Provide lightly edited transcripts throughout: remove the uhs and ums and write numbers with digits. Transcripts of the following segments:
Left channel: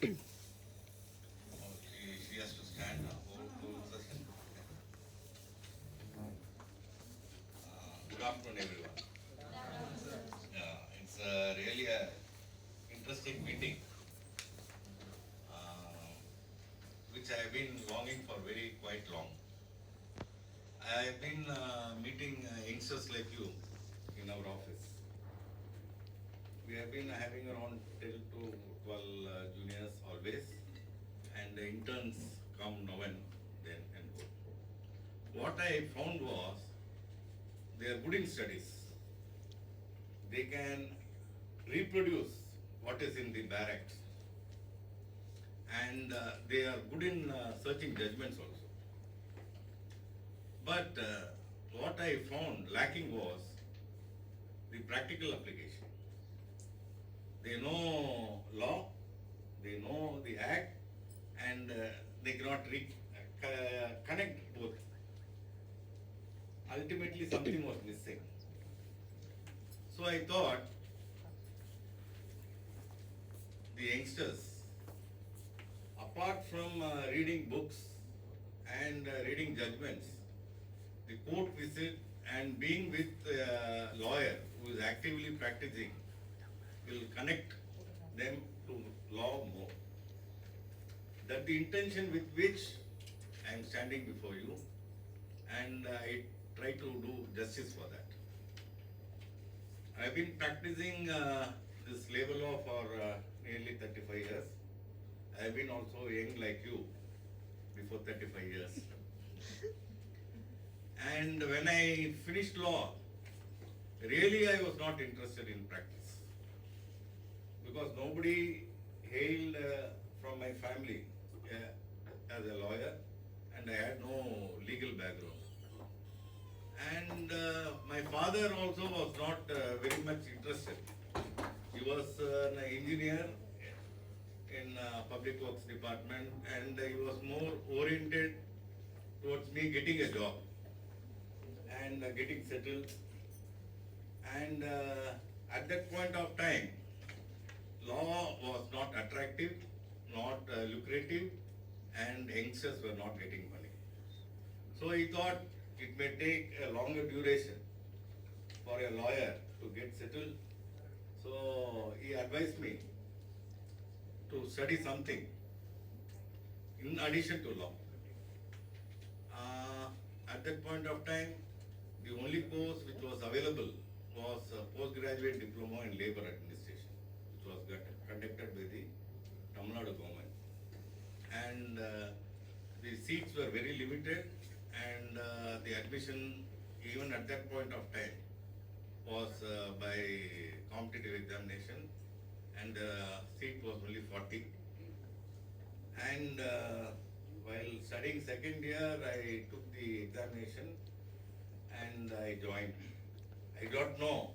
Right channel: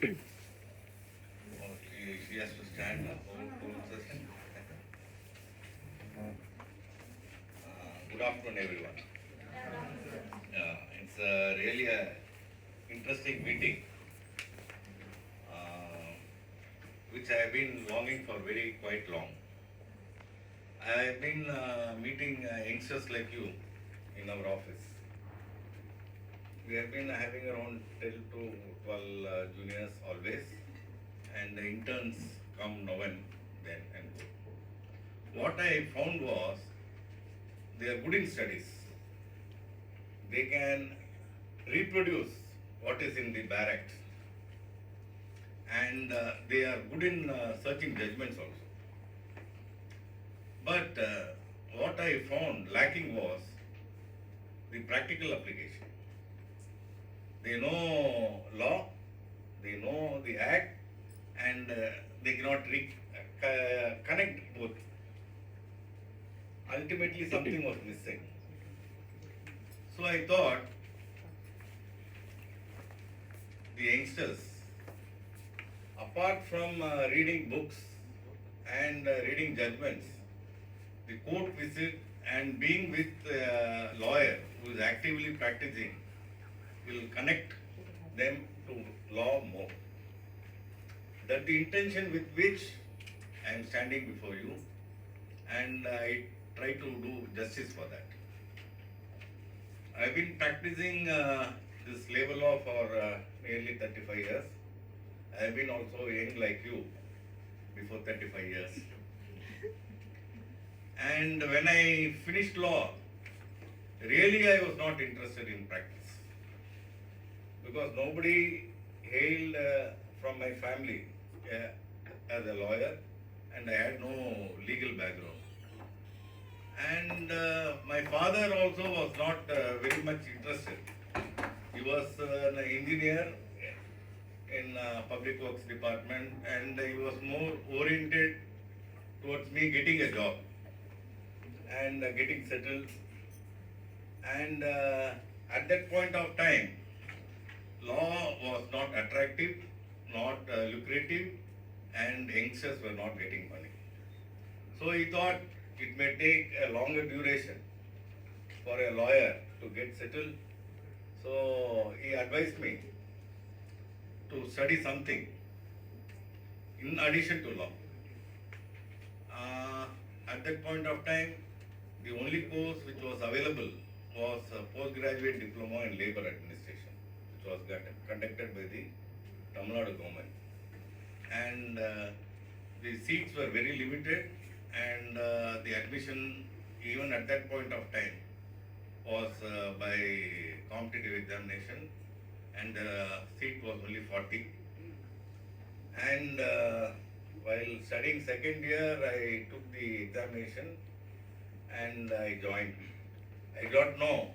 She has to stand up. Whole session. Good afternoon, everyone. It's really a interesting meeting, which I have been longing for very quite long. I have been meeting youngsters like you in our office. We have been having around 10 to 12 juniors always, and the interns come now and then and go. What I found was they are good in studies. They can reproduce what is in the barracks, and they are good in searching judgments also. But what I found lacking was the practical application. They know law, they know the act, and they cannot connect both. Ultimately, something was missing. So I thought the youngsters, apart from reading books and reading judgments, the court visit and being with a lawyer who is actively practicing will connect them to law more. That the intention with which I am standing before you, and I try to do justice for that. I have been practicing this labor law for nearly 35 years. I have been also young like you before 35 years. And when I finished law, really I was not interested in practice, because nobody hailed from my family as a lawyer, and I had no legal background. And my father also was not very much interested. He was an engineer in public works department, and he was more oriented towards me getting a job and getting settled. And at that point of time, law was not attractive, not lucrative, and youngsters were not getting money. So he thought it may take a longer duration for a lawyer to get settled. So he advised me to study something in addition to law. At that point of time, the only course which was available was a postgraduate diploma in labor administration, which was conducted by the Tamil Nadu government. And the seats were very limited, and the admission, even at that point of time, was by competitive examination, and the seat was only 40. And while studying second year, I took the examination and I joined. I don't know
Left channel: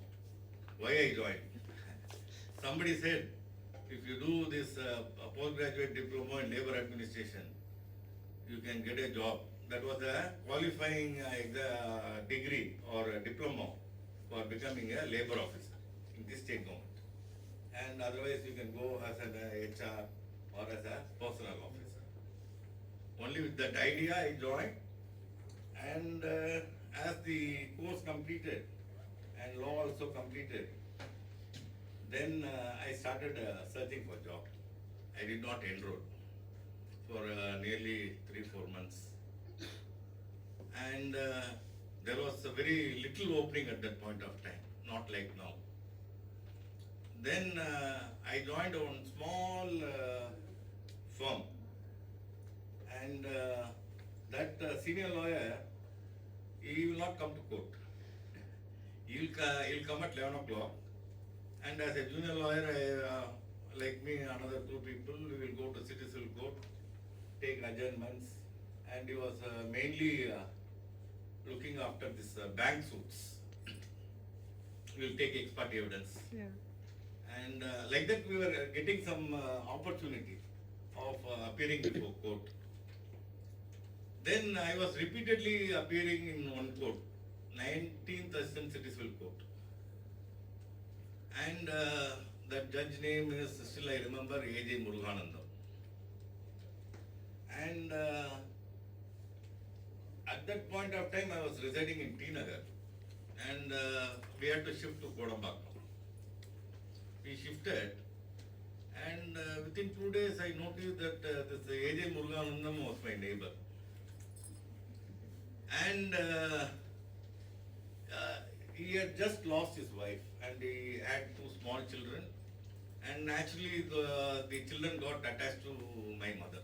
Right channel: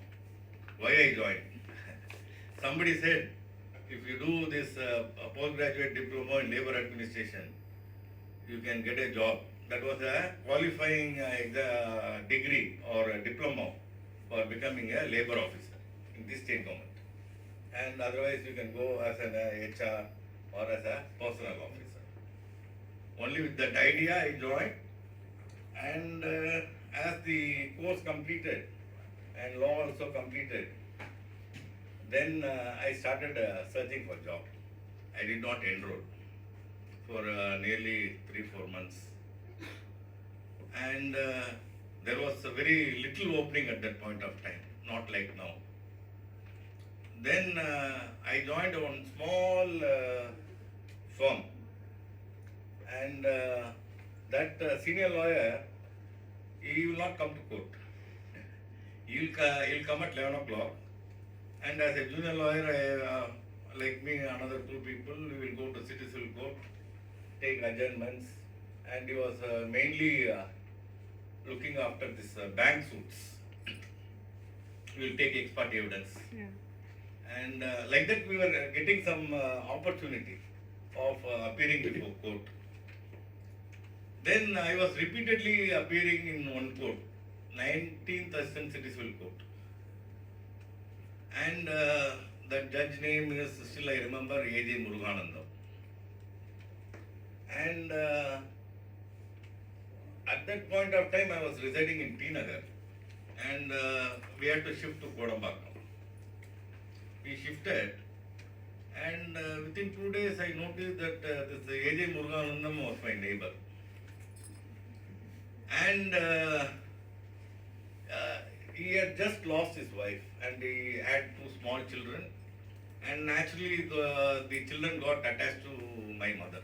why I joined. Somebody said, if you do this postgraduate diploma in labor administration, you can get a job. That was a qualifying degree or a diploma for becoming a labor officer in the state government. And otherwise you can go as an HR or as a personal officer. Only with that idea I joined, and as the course completed and law also completed, then I started searching for job. I did not enroll for nearly 3-4 months. And there was a very little opening at that point of time, not like now. Then I joined one small firm, and that senior lawyer, he will not come to court. He'll come at 11 o'clock, and as a junior lawyer, like me, another 2 people, we will go to city civil court, take adjournments, and he was mainly looking after this bank suits. We will take expert evidence. Yeah. And like that we were getting some opportunity of appearing before court. Then I was repeatedly appearing in one court, 19th Assistant City Civil Court. And that judge name is still I remember A.J. Muruganandam. And at that point of time I was residing in T Nagar and we had to shift to Kodambakam. We shifted and within 2 days I noticed that this A.J. Muruganandam was my neighbor. And he had just lost his wife and he had 2 small children, and naturally the children got attached to my mother.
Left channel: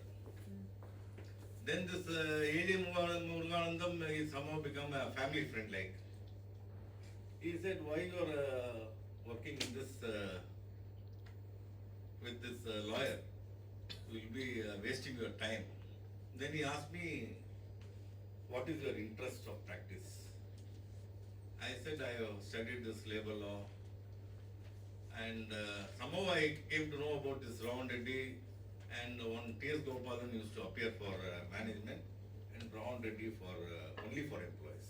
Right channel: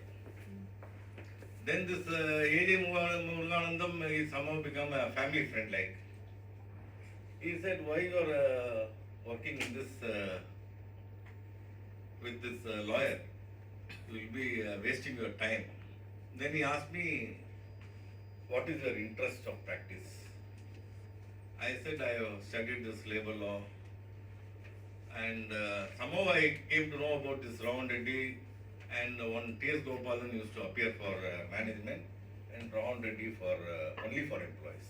Then this A.J. Muruganandam he somehow become a family friend like. He said, why you are working in this with this lawyer? You will be wasting your time. Then he asked me, what is your interest of practice? I said, I have studied this labor law, and somehow I came to know about this Raman Reddy, and one T.S. Gopalan used to appear for management and Raman Reddy for only for employees.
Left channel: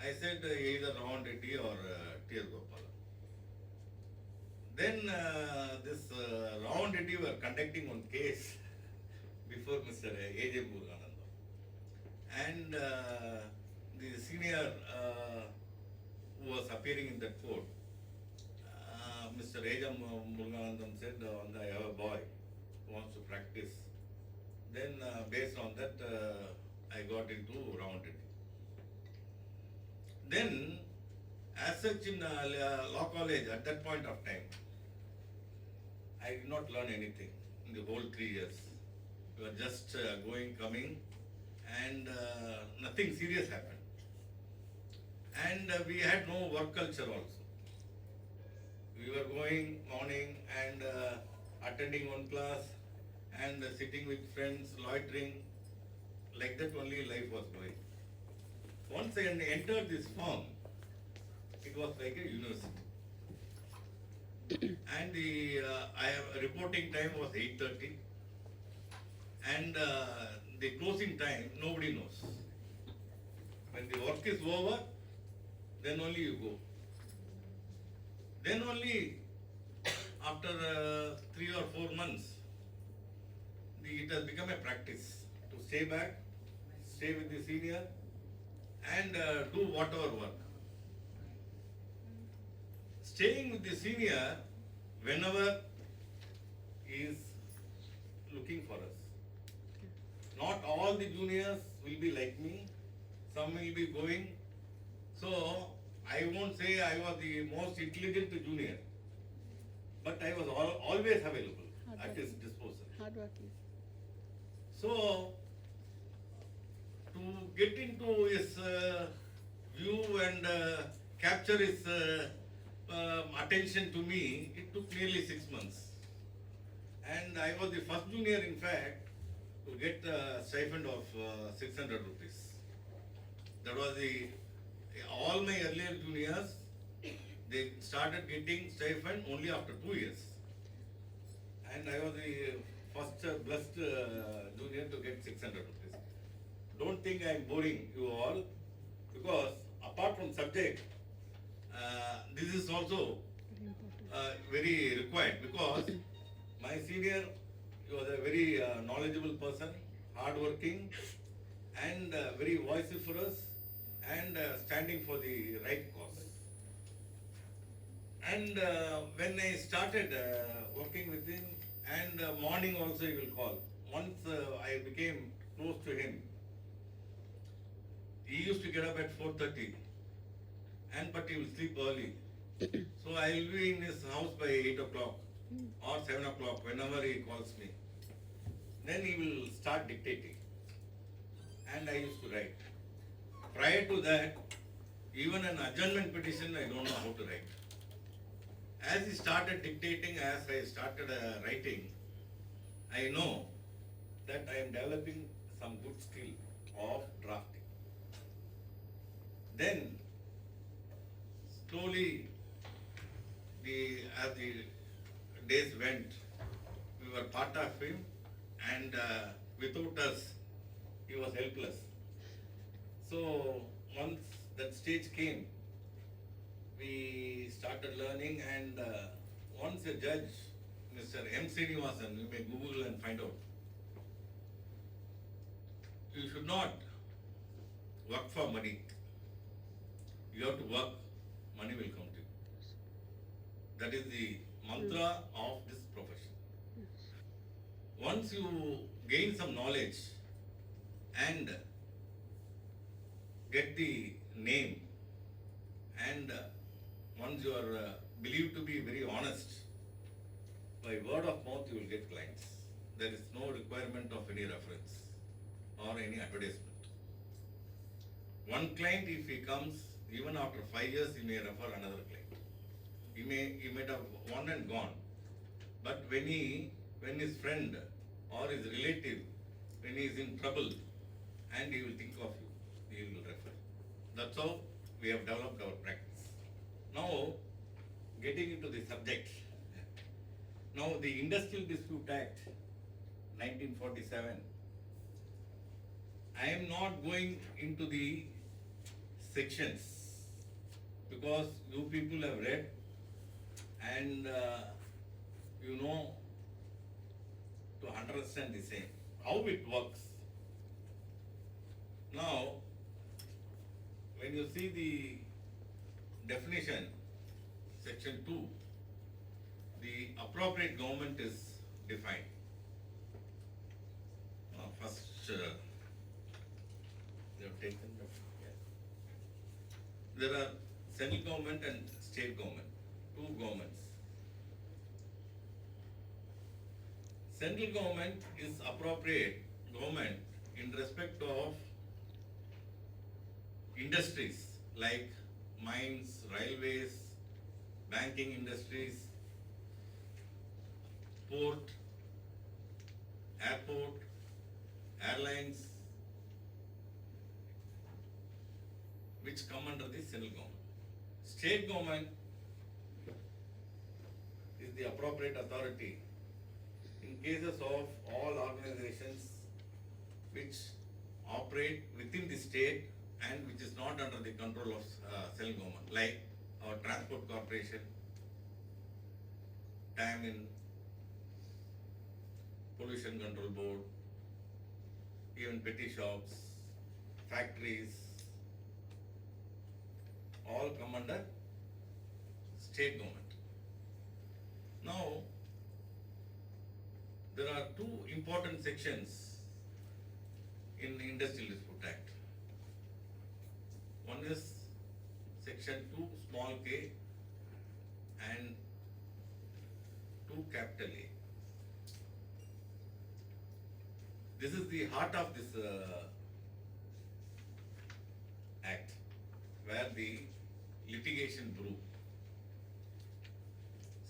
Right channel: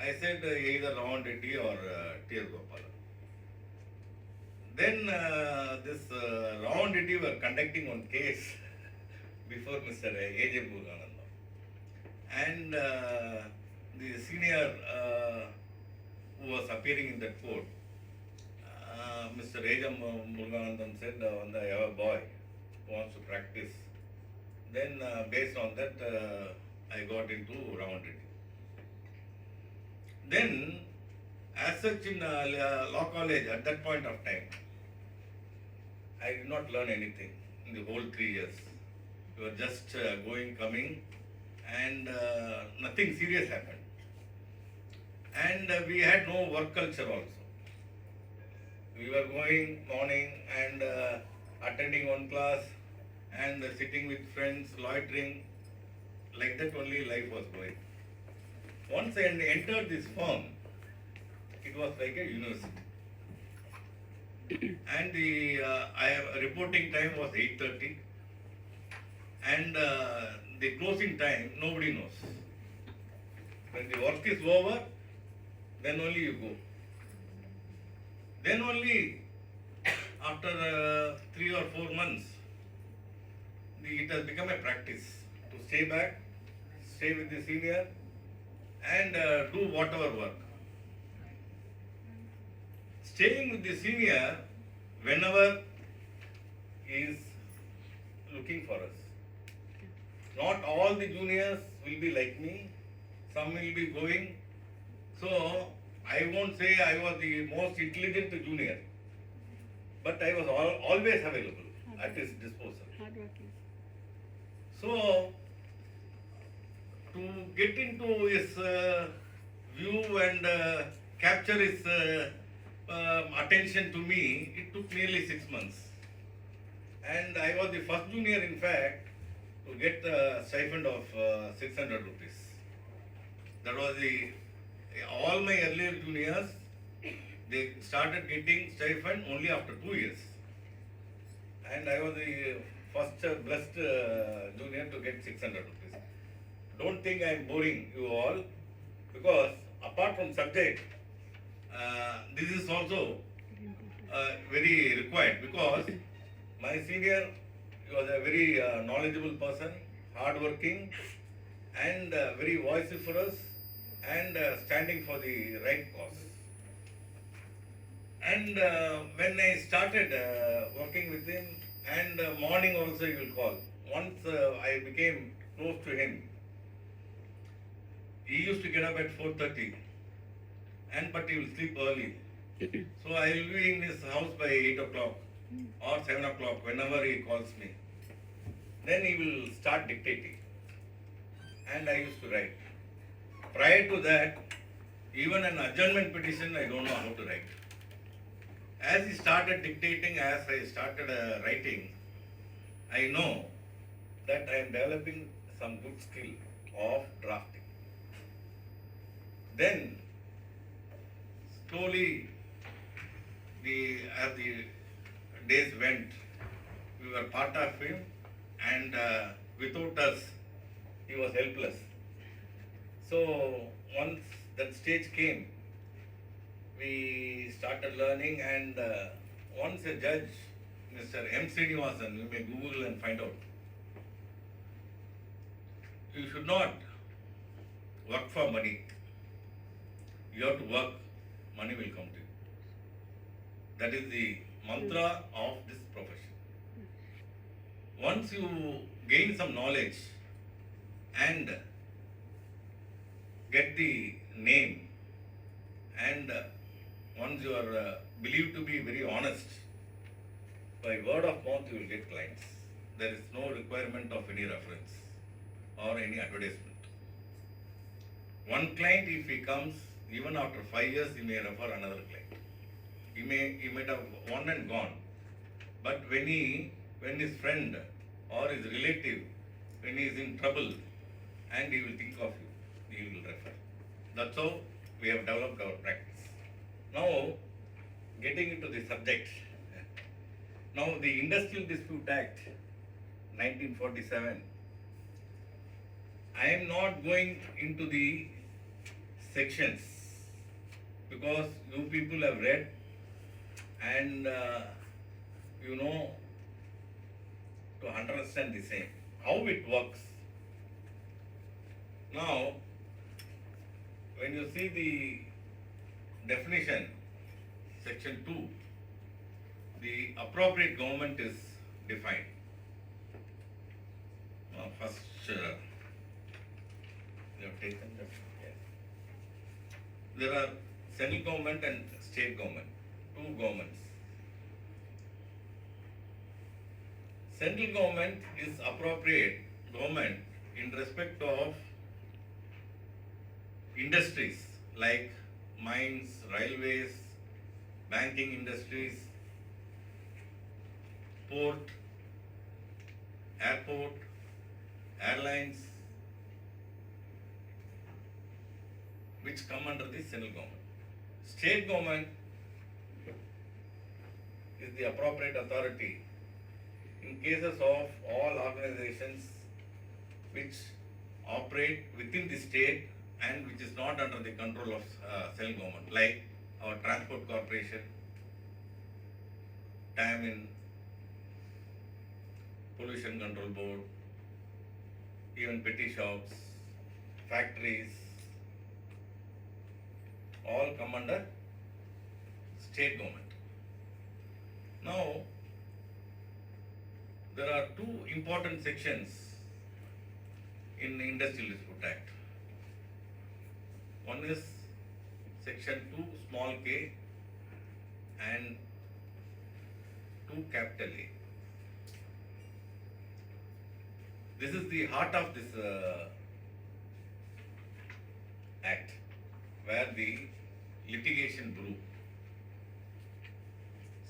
I said either Raman Reddy or T.S. Gopalan. Then this Raman Reddy were conducting one case before Mr. A.J. Muruganandam, and the senior who was appearing in that court, Mr. A.J. Muruganandam said, I have a boy who wants to practice. Then based on that, I got into Raman Reddy. Then, as such in law college at that point of time, I did not learn anything in the whole 3 years. We were just going, coming, and nothing serious happened. And we had no work culture also. We were going morning and attending one class and sitting with friends, loitering. Like that only life was going. Once I entered this firm, it was like a university. And the reporting time was 8:30, and the closing time nobody knows. When the work is over, then only you go. Then only after 3 or 4 months, it has become a practice to stay back, stay with the senior, and do whatever work. Staying with the senior whenever he is looking for us. Not all the juniors will be like me, some will be going. So I won't say I was the most intelligent junior, but I was always available at his disposal. Hardworking. So to get into his view and capture his attention to me, it took nearly 6 months. And I was the first junior, in fact, to get a stipend of 600 rupees. That was all my earlier juniors, they started getting stipend only after 2 years. And I was the first blessed junior to get 600 rupees. Don't think I am boring you all, because apart from subject, this is also very required, because my senior was a very knowledgeable person, hardworking, and very vociferous, and standing for the right cause. And when I started working with him, and morning also he will call. Once I became close to him, he used to get up at 4:30, but he will sleep early. So I will be in his house by 8 o'clock or 7 o'clock whenever he calls me. Then he will start dictating, and I used to write. Prior to that, even an adjournment petition I don't know how to write. As he started dictating, as I started writing, I know that I am developing some good skill of drafting. Then, slowly, as the days went, we were part of him, and without us, he was helpless. So, once that stage came, we started learning, and once a judge, Mr. M. Srinivasan, you may Google and find out. You should not work for money. You have to work, money will come to you. That is the mantra of this profession. Once you gain some knowledge and get the name, and once you are believed to be very honest, by word of mouth you will get clients. There is no requirement of any reference or any advertisement. One client, if he comes, even after 5 years, he may refer another client. He might have one and gone. But when his friend or his relative, when he is in trouble, and he will think of you, he will refer. That's how we have developed our practice. Now, getting into the subject. Now, the Industrial Dispute Act, 1947, I am not going into the sections because you people have read and you know to understand the same, how it works. Now, when you see the definition, section 2, the appropriate government is defined. First, you have taken that. There are central government and state government, two governments. Central government is appropriate government in respect of industries like mines, railways, banking industries, port, airport, airlines, which come under the central government. State government is the appropriate authority in cases of all organizations which operate within the state and which is not under the control of central government, like our transport corporation, TAMIN, pollution control board, even petty shops, factories, all come under state government. Now, there are two important sections in the Industrial Dispute Act. One is section 2 small k and 2 capital A. This is the heart of this act, where the litigation brew.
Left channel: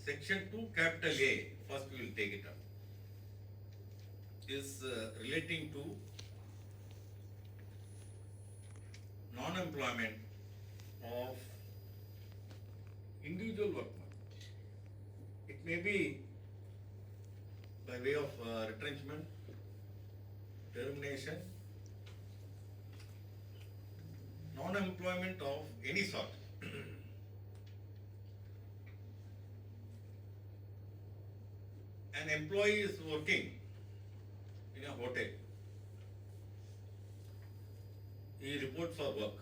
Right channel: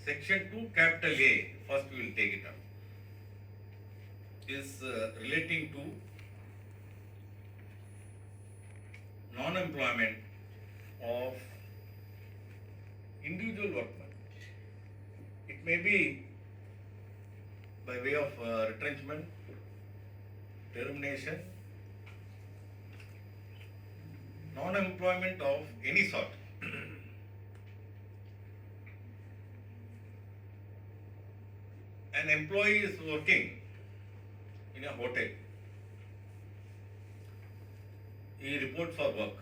Section 2 capital A, first we will take it up, is relating to non-employment of individual workmen. It may be by way of retrenchment, termination, non-employment of any sort. An employee is working in a hotel. He reports for work.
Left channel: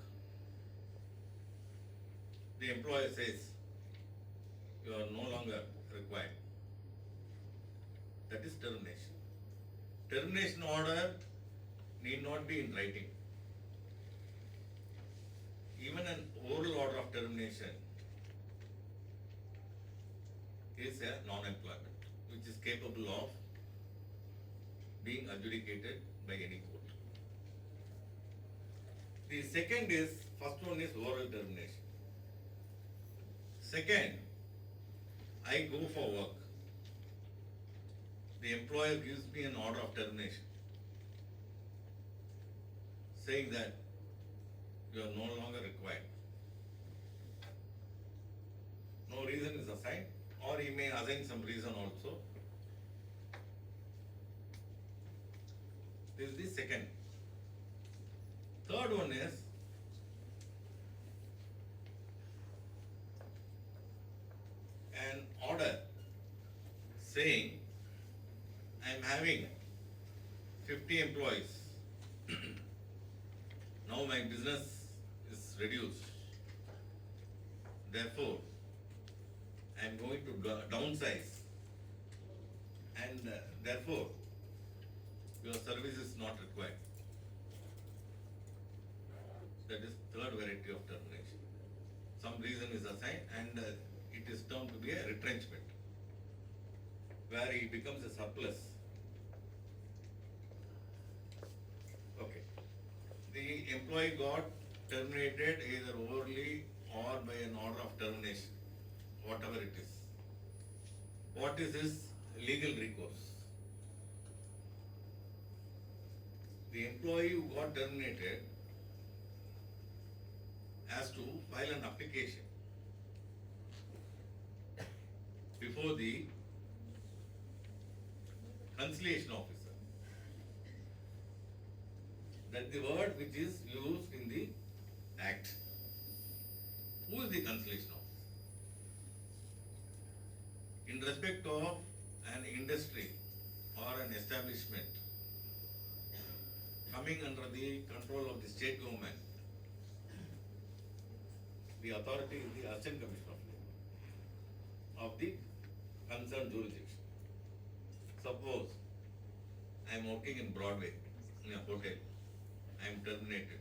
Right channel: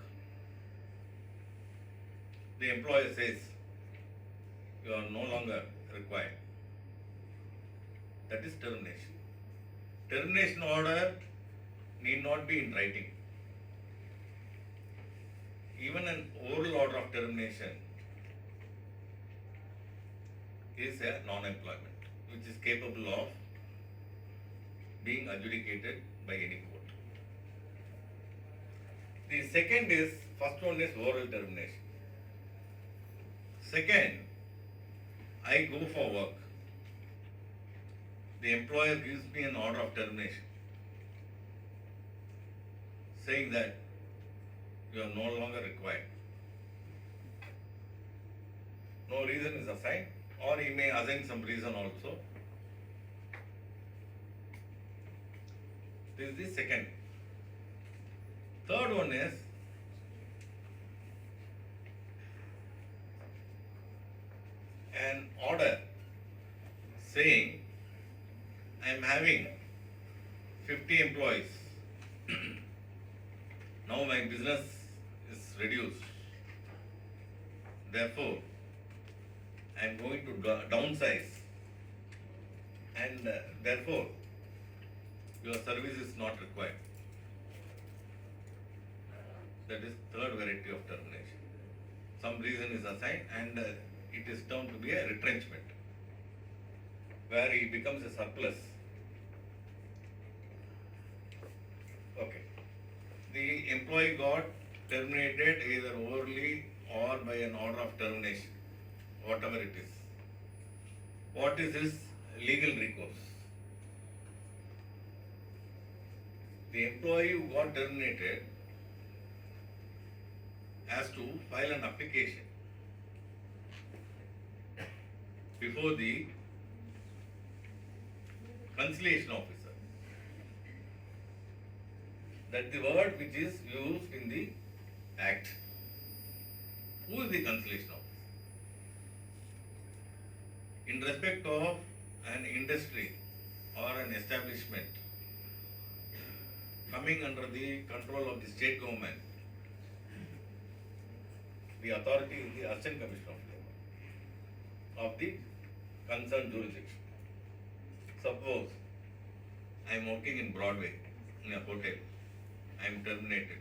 The employer says, you are no longer required. That is termination. Termination order need not be in writing. Even an oral order of termination is a non-employment, which is capable of being adjudicated by any court. The second is, first one is oral termination. Second, I go for work. The employer gives me an order of termination, saying that you are no longer required. No reason is assigned, or he may assign some reason also. This is the second. Third one is an order I am having 50 employees. Now my business is reduced. Therefore, I am going to downsize, and therefore your service is not required. That is third variety of termination. Some reason is assigned, and it is termed to be a retrenchment, where he becomes a surplus. Okay. The employee got terminated either orally or by an order of termination, whatever it is. What is his legal recourse? The employee who got terminated has to file an application before the conciliation officer. That's the word which is used in the Act. Who is the conciliation officer? In respect of an industry or an establishment coming under the control of the state government, the authority is the Assistant Commissioner of Labour of the concerned jurisdiction. Suppose I am working in Broadway in a hotel, I am terminated.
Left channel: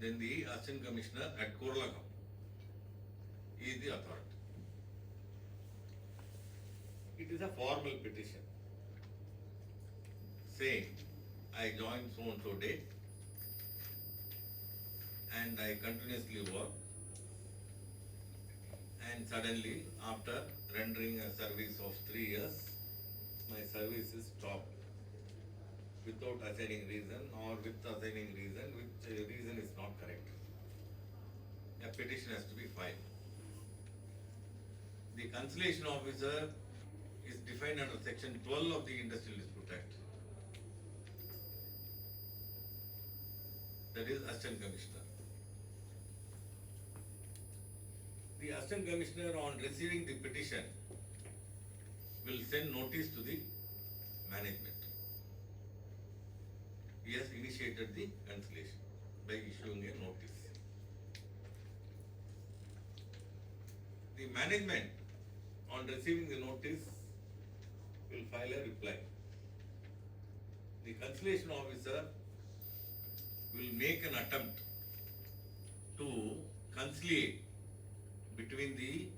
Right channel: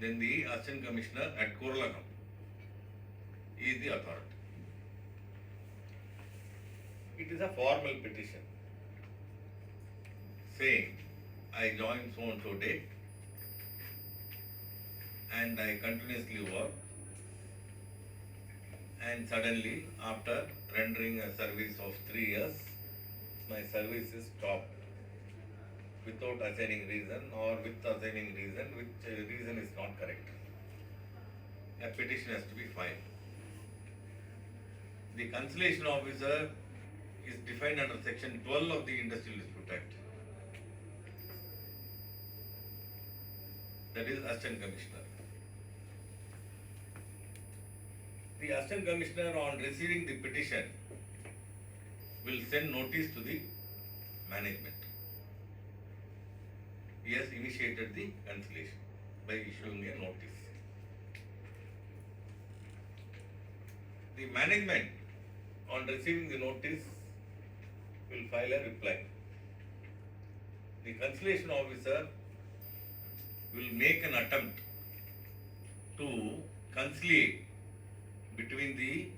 Then the Assistant Commissioner at Kurlagam is the authority. It is a formal petition saying, I joined so and so date and I continuously work, and suddenly after rendering a service of 3 years, my service is stopped without assigning reason or with assigning reason, which reason is not correct. A petition has to be filed. The conciliation officer is defined under section 12 of the Industrial Dispute Act. That is Assistant Commissioner. The Assistant Commissioner, on receiving the petition, will send notice to the management. He has initiated the conciliation by issuing a notice. The management, on receiving the notice, will file a reply. The conciliation officer will make an attempt to conciliate between the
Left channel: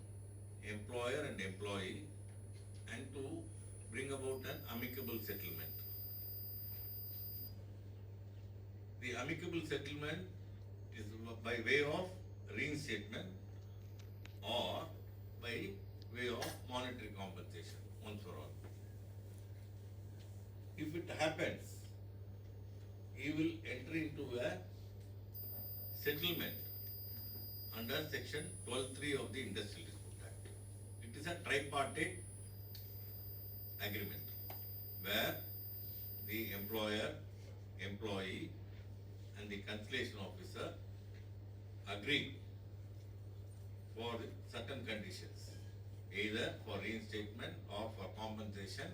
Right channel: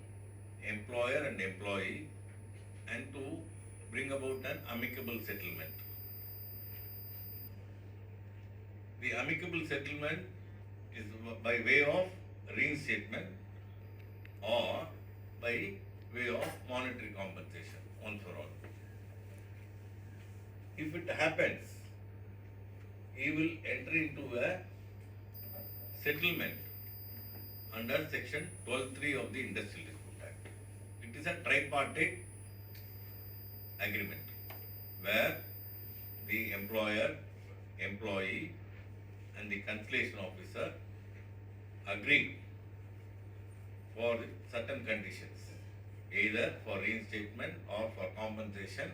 employer and employee and to bring about an amicable settlement. The amicable settlement is by way of reinstatement or by way of monetary compensation, once for all. If it happens, he will enter into a settlement under section 12(3) of the Industrial Dispute Act. It is a tripartite agreement where the employer, employee and the conciliation officer agree for certain conditions, either for reinstatement or for compensation,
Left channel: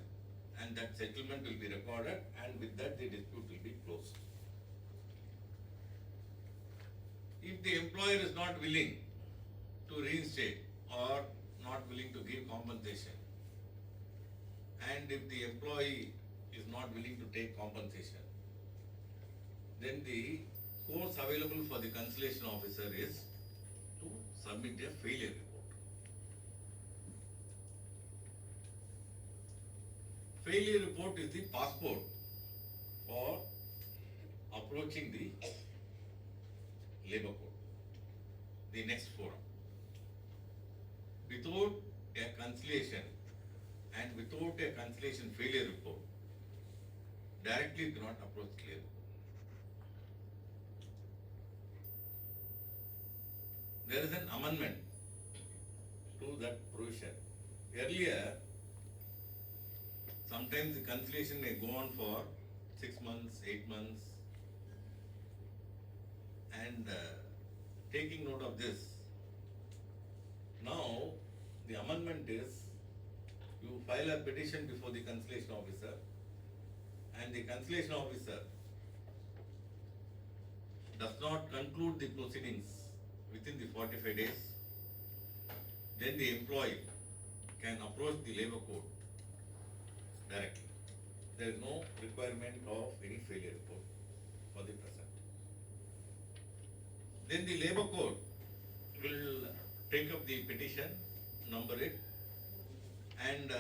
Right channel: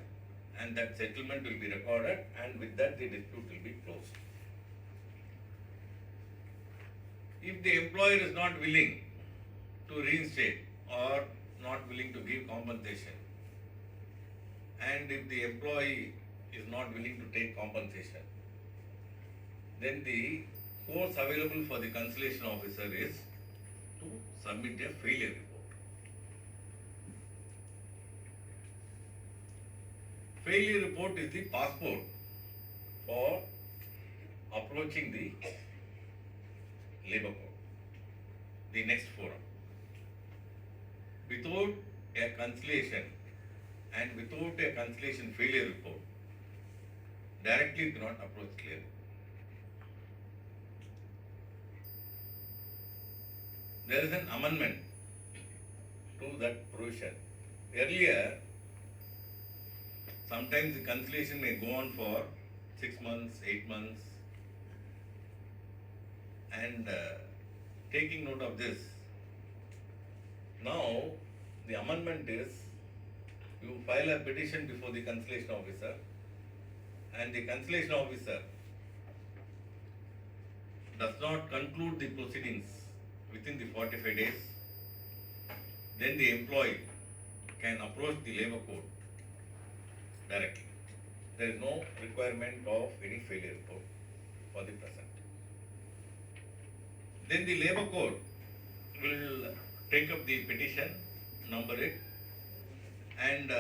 and that settlement will be recorded, and with that the dispute will be closed. If the employer is not willing to reinstate or not willing to give compensation, and if the employee is not willing to take compensation, then the course available for the conciliation officer is to submit a failure report. Failure report is the passport for approaching the labor court, the next forum. Without a conciliation and without a conciliation failure report, directly you cannot approach labor. There is an amendment to that provision. Earlier, sometimes the conciliation may go on for 6 months, 8 months, and taking note of this, now the amendment is You file a petition before the conciliation officer, and the conciliation officer does not conclude the proceedings within the 45 days, then the employee can approach the labor court directly. There is no requirement of any failure report for the present. Then the labor court will take up the petition, number it, and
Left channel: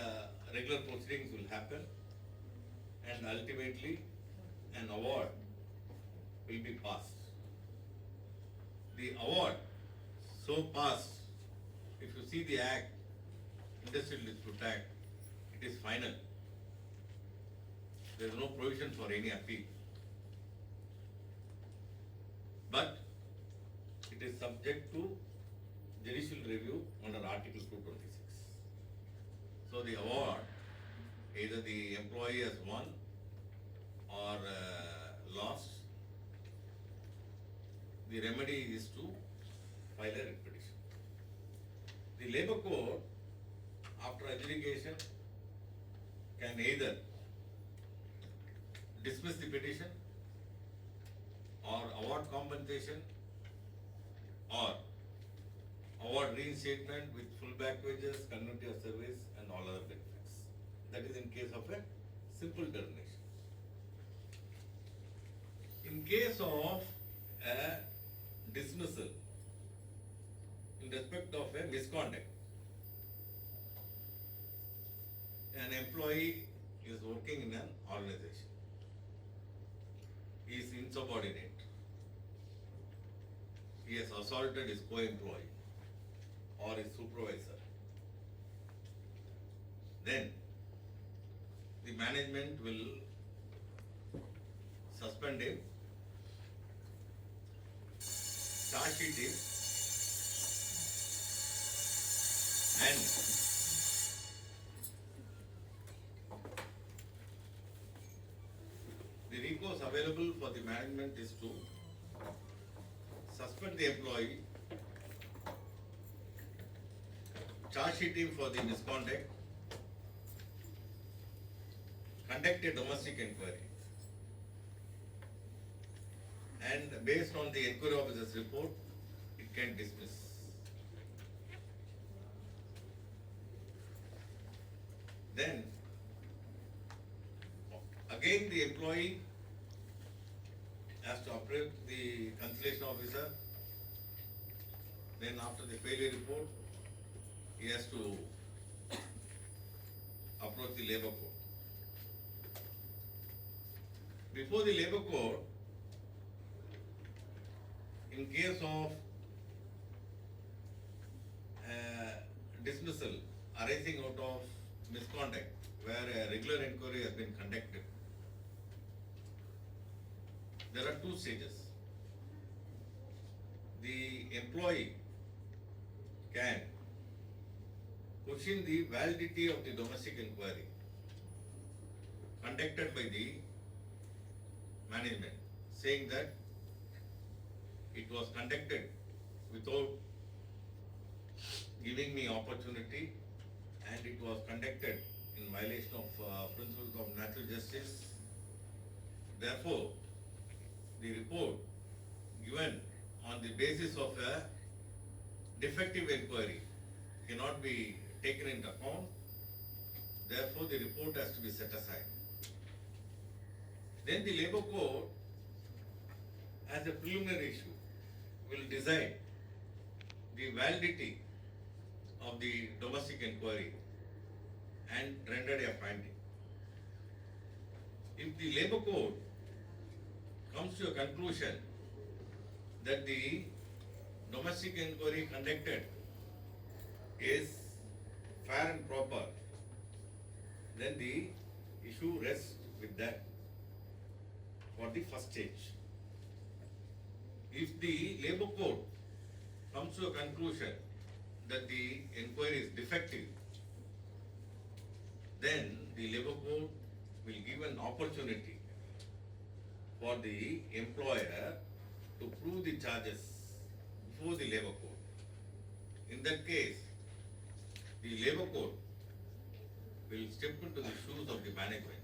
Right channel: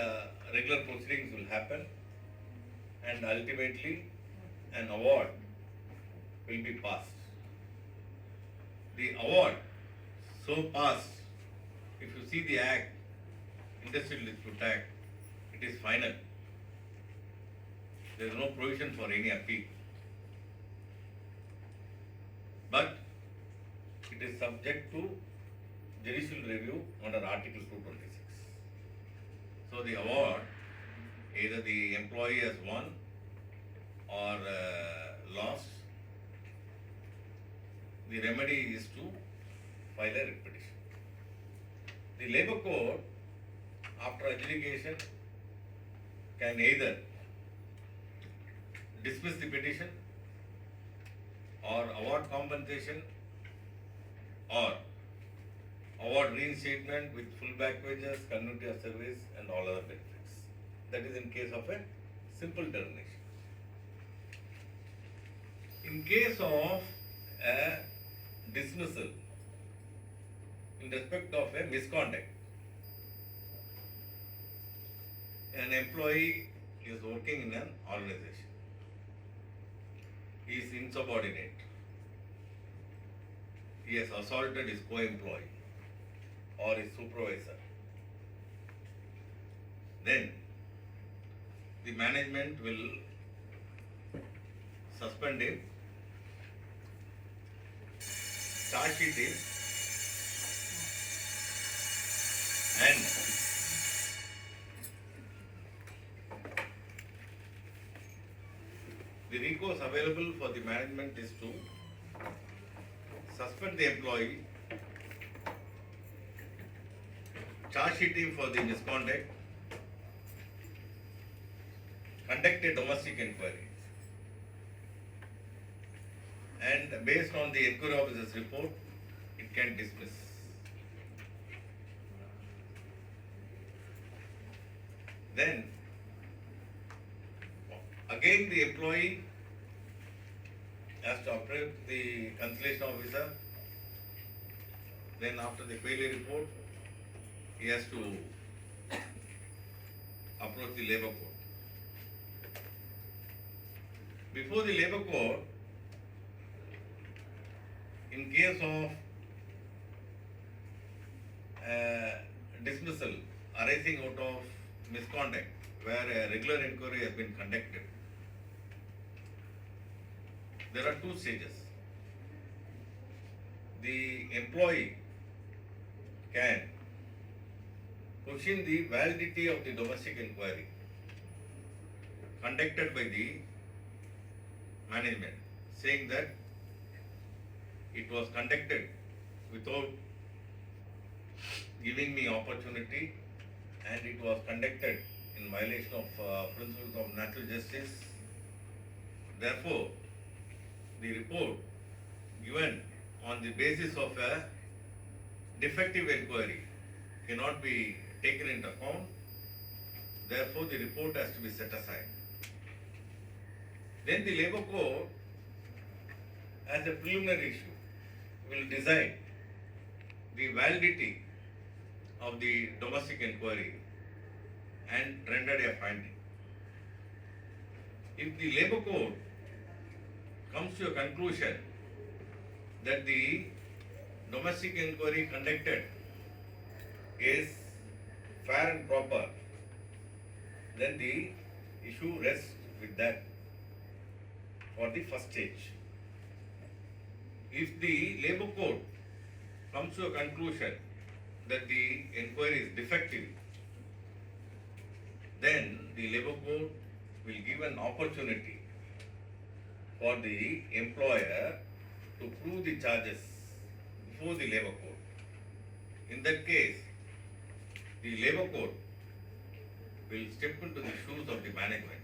regular proceedings will happen, and ultimately an award will be passed. The award so passed, if you see the act, Industrial Dispute Act, it is final. There is no provision for any appeal. But it is subject to judicial review under Article 226. So the award, either the employee has won or lost, the remedy is to file a writ petition. The labor court, after adjudication, can either dismiss the petition or award compensation or award reinstatement with full back wages, continuity of service and all other benefits. That is in case of a simple termination. In case of a dismissal in respect of a misconduct, an employee is working in an organization. He is insubordinate. He has assaulted his co-employee or his supervisor. Then the management will suspend him, charge sheet him, and the recourse available for the management is to suspend the employee, charge sheet him for the misconduct, conduct a domestic inquiry, and based on the inquiry officer's report, it can dismiss. Then, again the employee has to approach the conciliation officer. Then after the failure report, he has to approach the labor court. Before the labor court, in case of dismissal arising out of misconduct, where a regular inquiry has been conducted, there are two stages. The employee can question the validity of the domestic inquiry conducted by the management, saying that it was conducted without giving me opportunity, and it was conducted in violation of principles of natural justice. Therefore, the report given on the basis of a defective inquiry cannot be taken into account. Therefore, the report has to be set aside. Then the labor court, as a preliminary issue, will decide the validity of the domestic inquiry and render a finding. If the labor court comes to a conclusion that the domestic inquiry conducted is fair and proper, then the issue rests with that for the first stage. If the labor court comes to a conclusion that the inquiry is defective, then the labor court will give an opportunity for the employer to prove the charges before the labor court. In that case, the labor court will step into the shoes of the management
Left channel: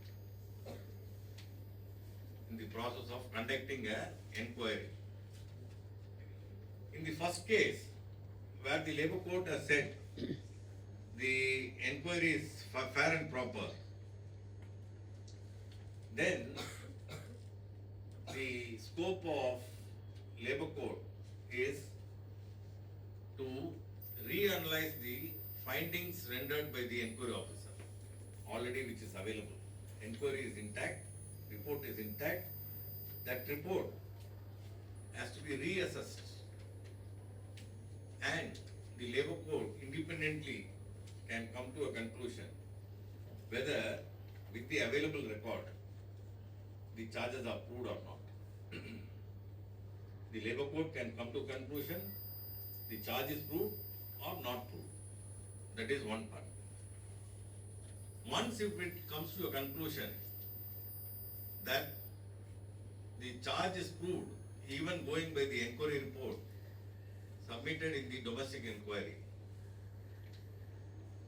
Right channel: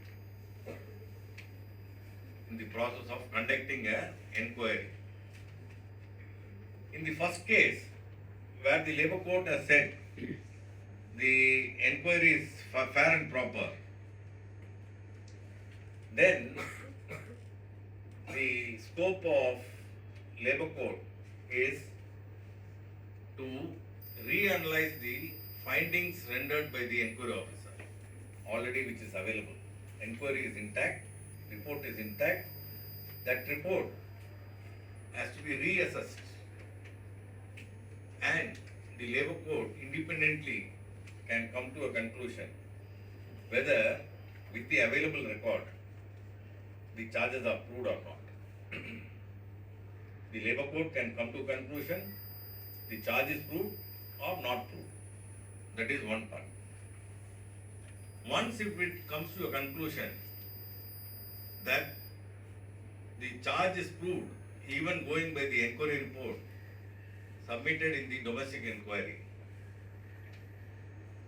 in the process of conducting an inquiry. In the first case, where the Labour Court has said the inquiry is fair and proper, then the scope of Labour Court is to reanalyze the findings rendered by the inquiry officer, already which is available. Inquiry is intact, report is intact. That report has to be reassessed, and the Labour Court independently can come to a conclusion whether with the available record the charges are proved or not. The Labour Court can come to a conclusion the charge is proved or not proved. That is one part. Once if it comes to a conclusion that the charge is proved, even going by the inquiry report submitted in the domestic inquiry,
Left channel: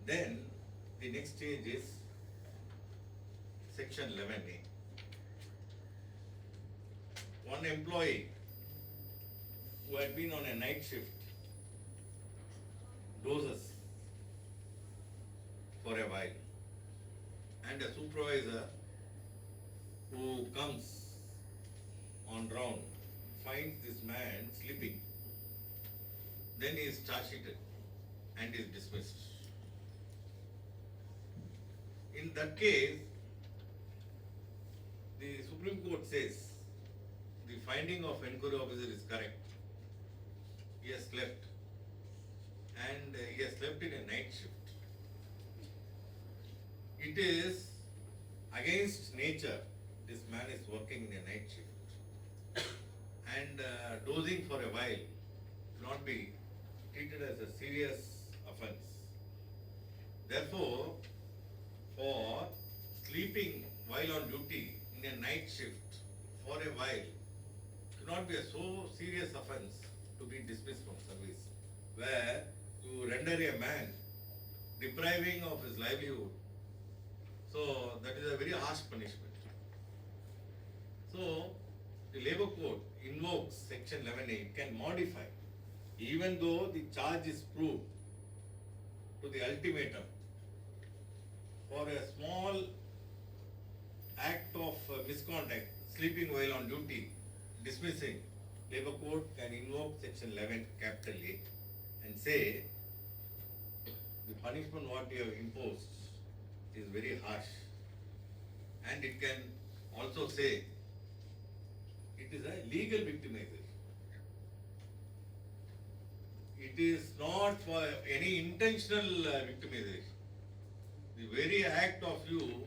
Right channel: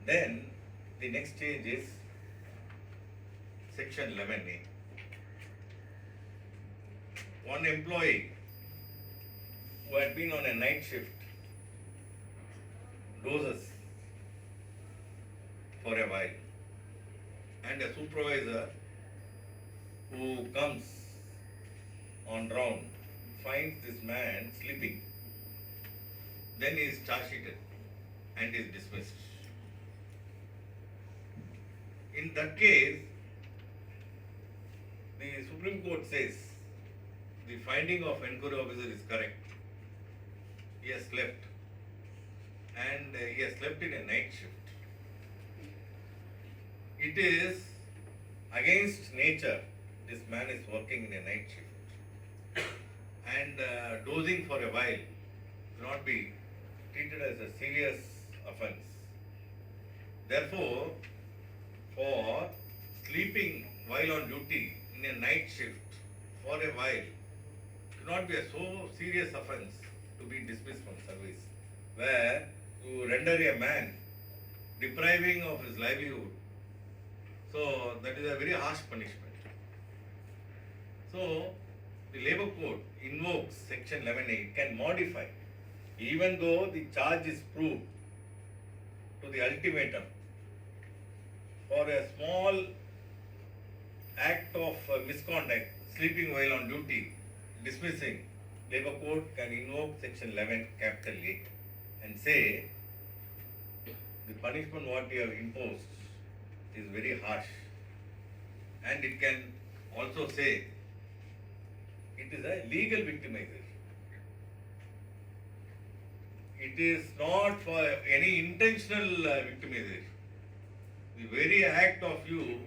then the next stage is section 11A. One employee who had been on a night shift dozes for a while, and a supervisor who comes on round finds this man sleeping. Then he is charge sheeted and is dismissed. In that case, the Supreme Court says the finding of inquiry officer is correct. He has slept, and he has slept in a night shift. It is against nature. This man is working in a night shift, and dozing for a while cannot be treated as a serious offence. Therefore, for sleeping while on duty in a night shift for a while cannot be a so serious offence to be dismissed from service, where you render a man depriving of his livelihood. So that is a very harsh punishment. So the Labour Court invokes section 11A. It can modify, even though the charge is proved to the ultimatum. For a small act of misconduct, sleeping while on duty, dismissing, Labour Court can invoke section 11 capital A and say the punishment what we have imposed is very harsh, and it can also say it is a legal victimization. It is not for any intentional victimization. The very act of you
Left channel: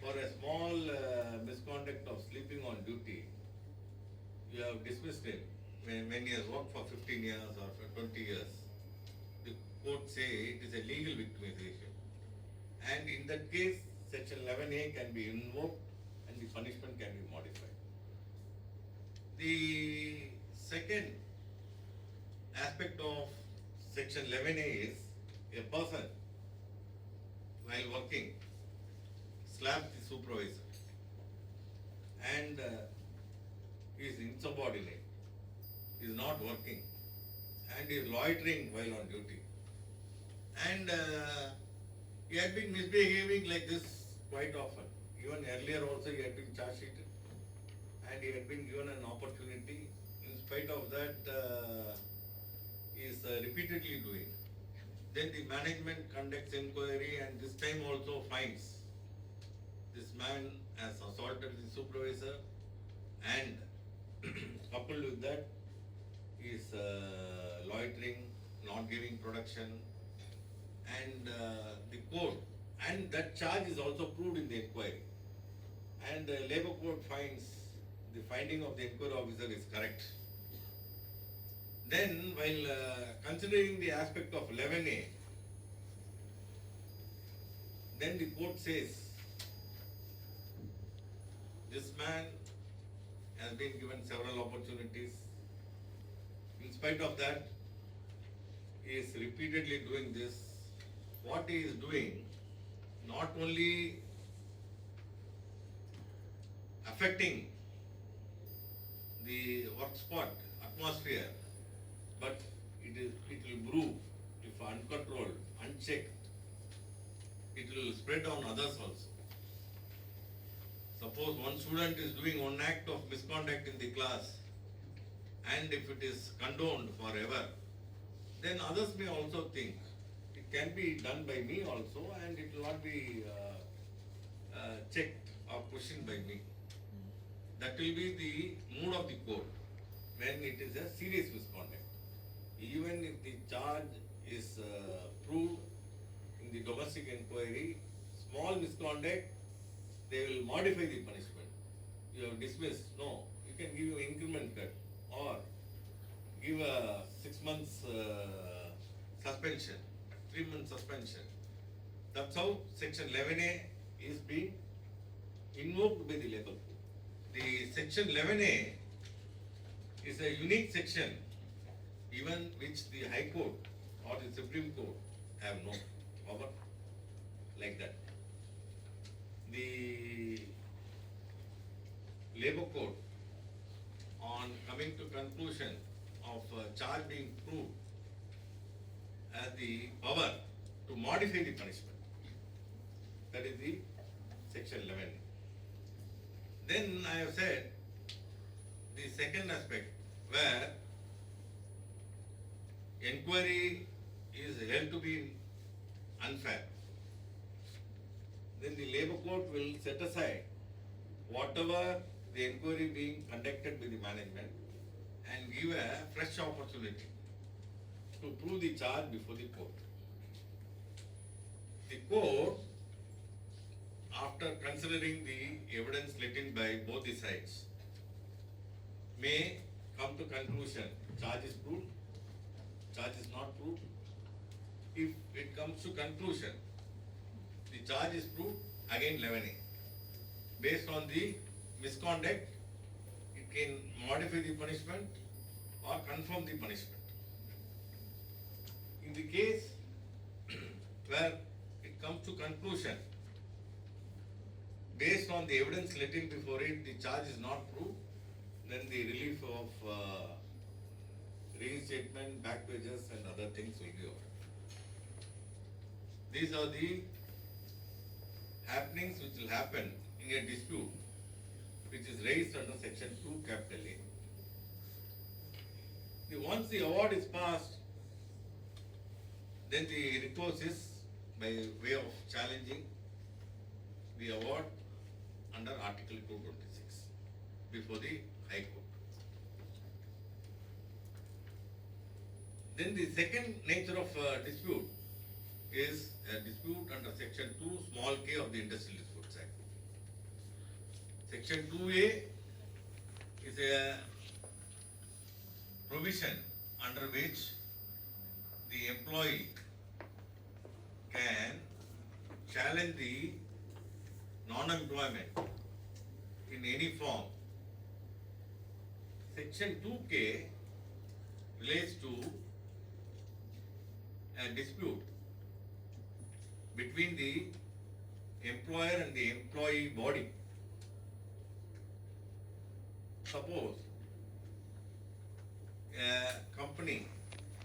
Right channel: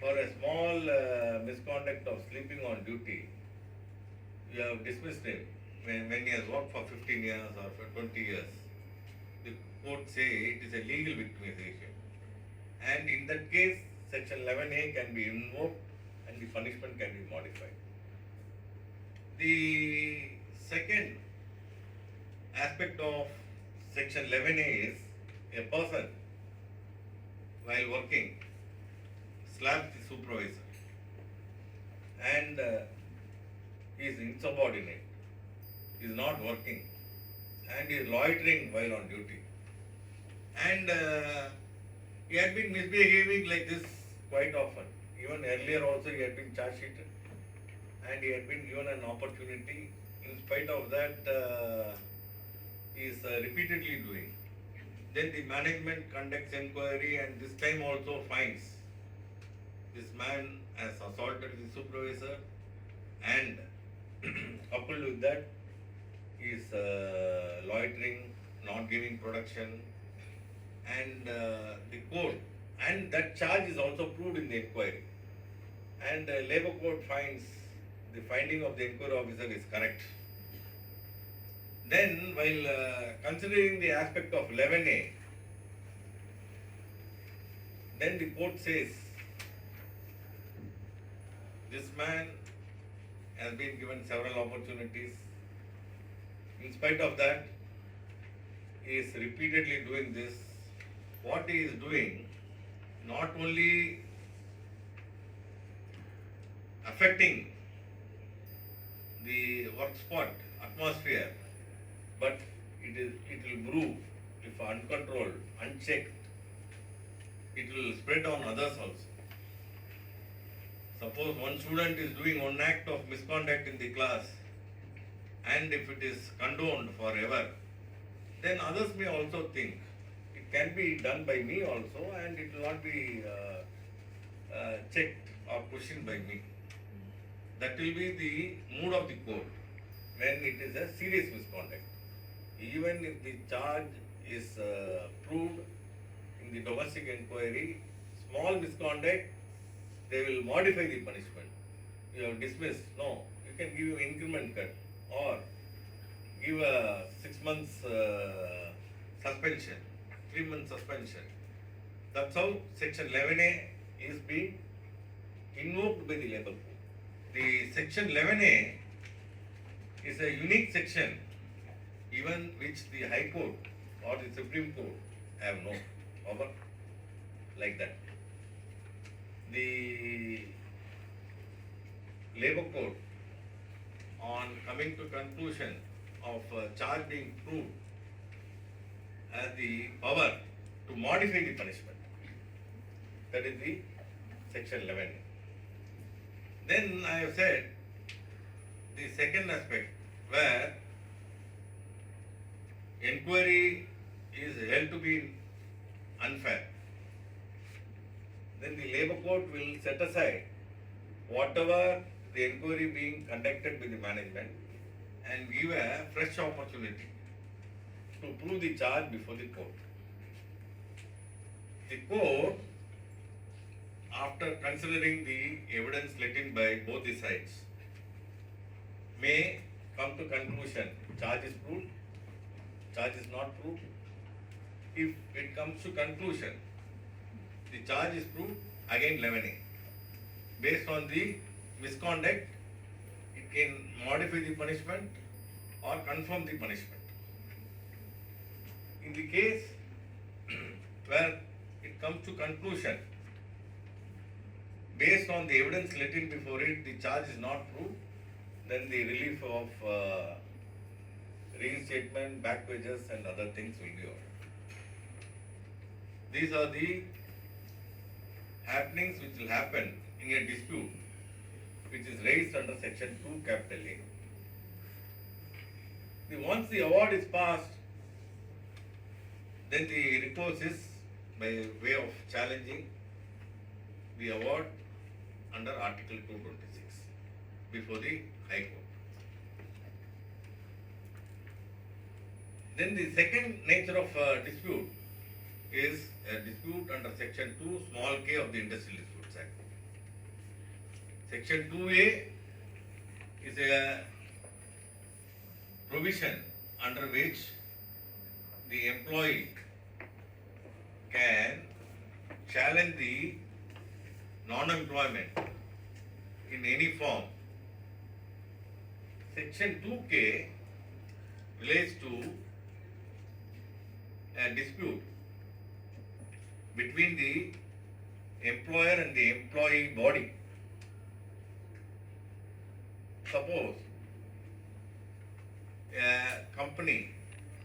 for a small misconduct of sleeping on duty, you have dismissed him when he has worked for 15 years or for 20 years. The court say it is a legal victimization. And in that case, section 11A can be invoked and the punishment can be modified. The second aspect of section 11A is a person while working slaps the supervisor and is insubordinate, is not working and is loitering while on duty. And he had been misbehaving like this quite often. Even earlier also he had been charge sheeted and he had been given an opportunity. In spite of that, he is repeatedly doing. Then the management conducts inquiry and this time also finds this man has assaulted the supervisor, and coupled with that is loitering, not giving production, and the court, and that charge is also proved in the inquiry, and the Labour Court finds the finding of the inquiry officer is correct. Then while considering the aspect of 11A, then the court says this man has been given several opportunities. In spite of that, he is repeatedly doing this. What he is doing, not only affecting the work spot atmosphere, but it will brew if uncontrolled, unchecked. It will spread on others also. Suppose one student is doing one act of misconduct in the class, and if it is condoned forever, then others may also think it can be done by me also, and it will not be checked or questioned by me. That will be the mood of the court when it is a serious misconduct. Even if the charge is proved in the domestic inquiry, small misconduct, they will modify the punishment. You have dismissed, no, you can give him increment cut or give a 6 months suspension, 3 months suspension. That's how section 11A is being invoked by the labor code. The section 11A is a unique section, even which the High Court or the Supreme Court have no power like that. The labor code, on coming to conclusion of charge being proved, has the power to modify the punishment. That is the section 11. Then I have said the second aspect where inquiry is held to be unfair. Then the labor court will set aside whatever the inquiry being conducted by the management and give a fresh opportunity to prove the charge before the court. The court, after considering the evidence let in by both the sides, may come to conclusion charge is proved, charge is not proved. If it comes to conclusion, the charge is proved, again 11A. Based on the misconduct, it can modify the punishment or confirm the punishment. In the case where it comes to conclusion, based on the evidence let in before it, the charge is not proved, then the relief of reinstatement, back wages and other things will be offered. These are the happenings which will happen in a dispute which is raised under section 2 capital A. Once the award is passed, then the recourse is by way of challenging the award under Article 226 before the High Court. Then the second nature of dispute is a dispute under section 2 small k of the Industrial Disputes Act. Section 2A is a provision under which the employee can challenge the non-employment in any form. Section 2K relates to a dispute between the employer and the employee body. Suppose a company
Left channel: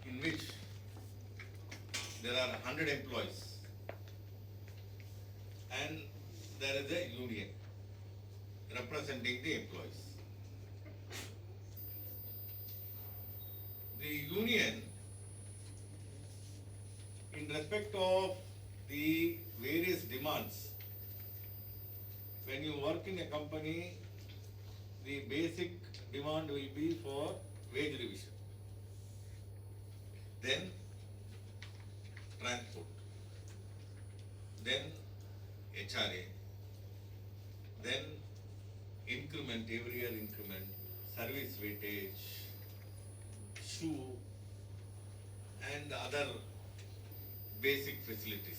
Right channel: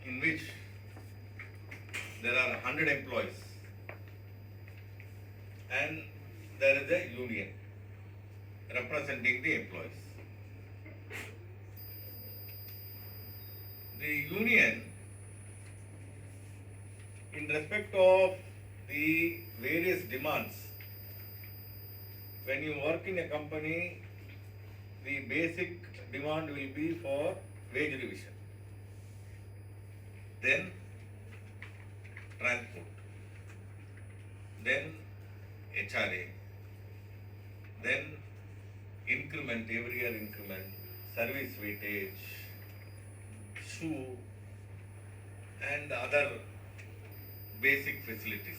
in which there are 100 employees and there is a union representing the employees. The union, in respect of the various demands, when you work in a company, the basic demand will be for wage revision, then transport, then HRA, then increment, every year increment, service weightage, shoe, and other basic facilities,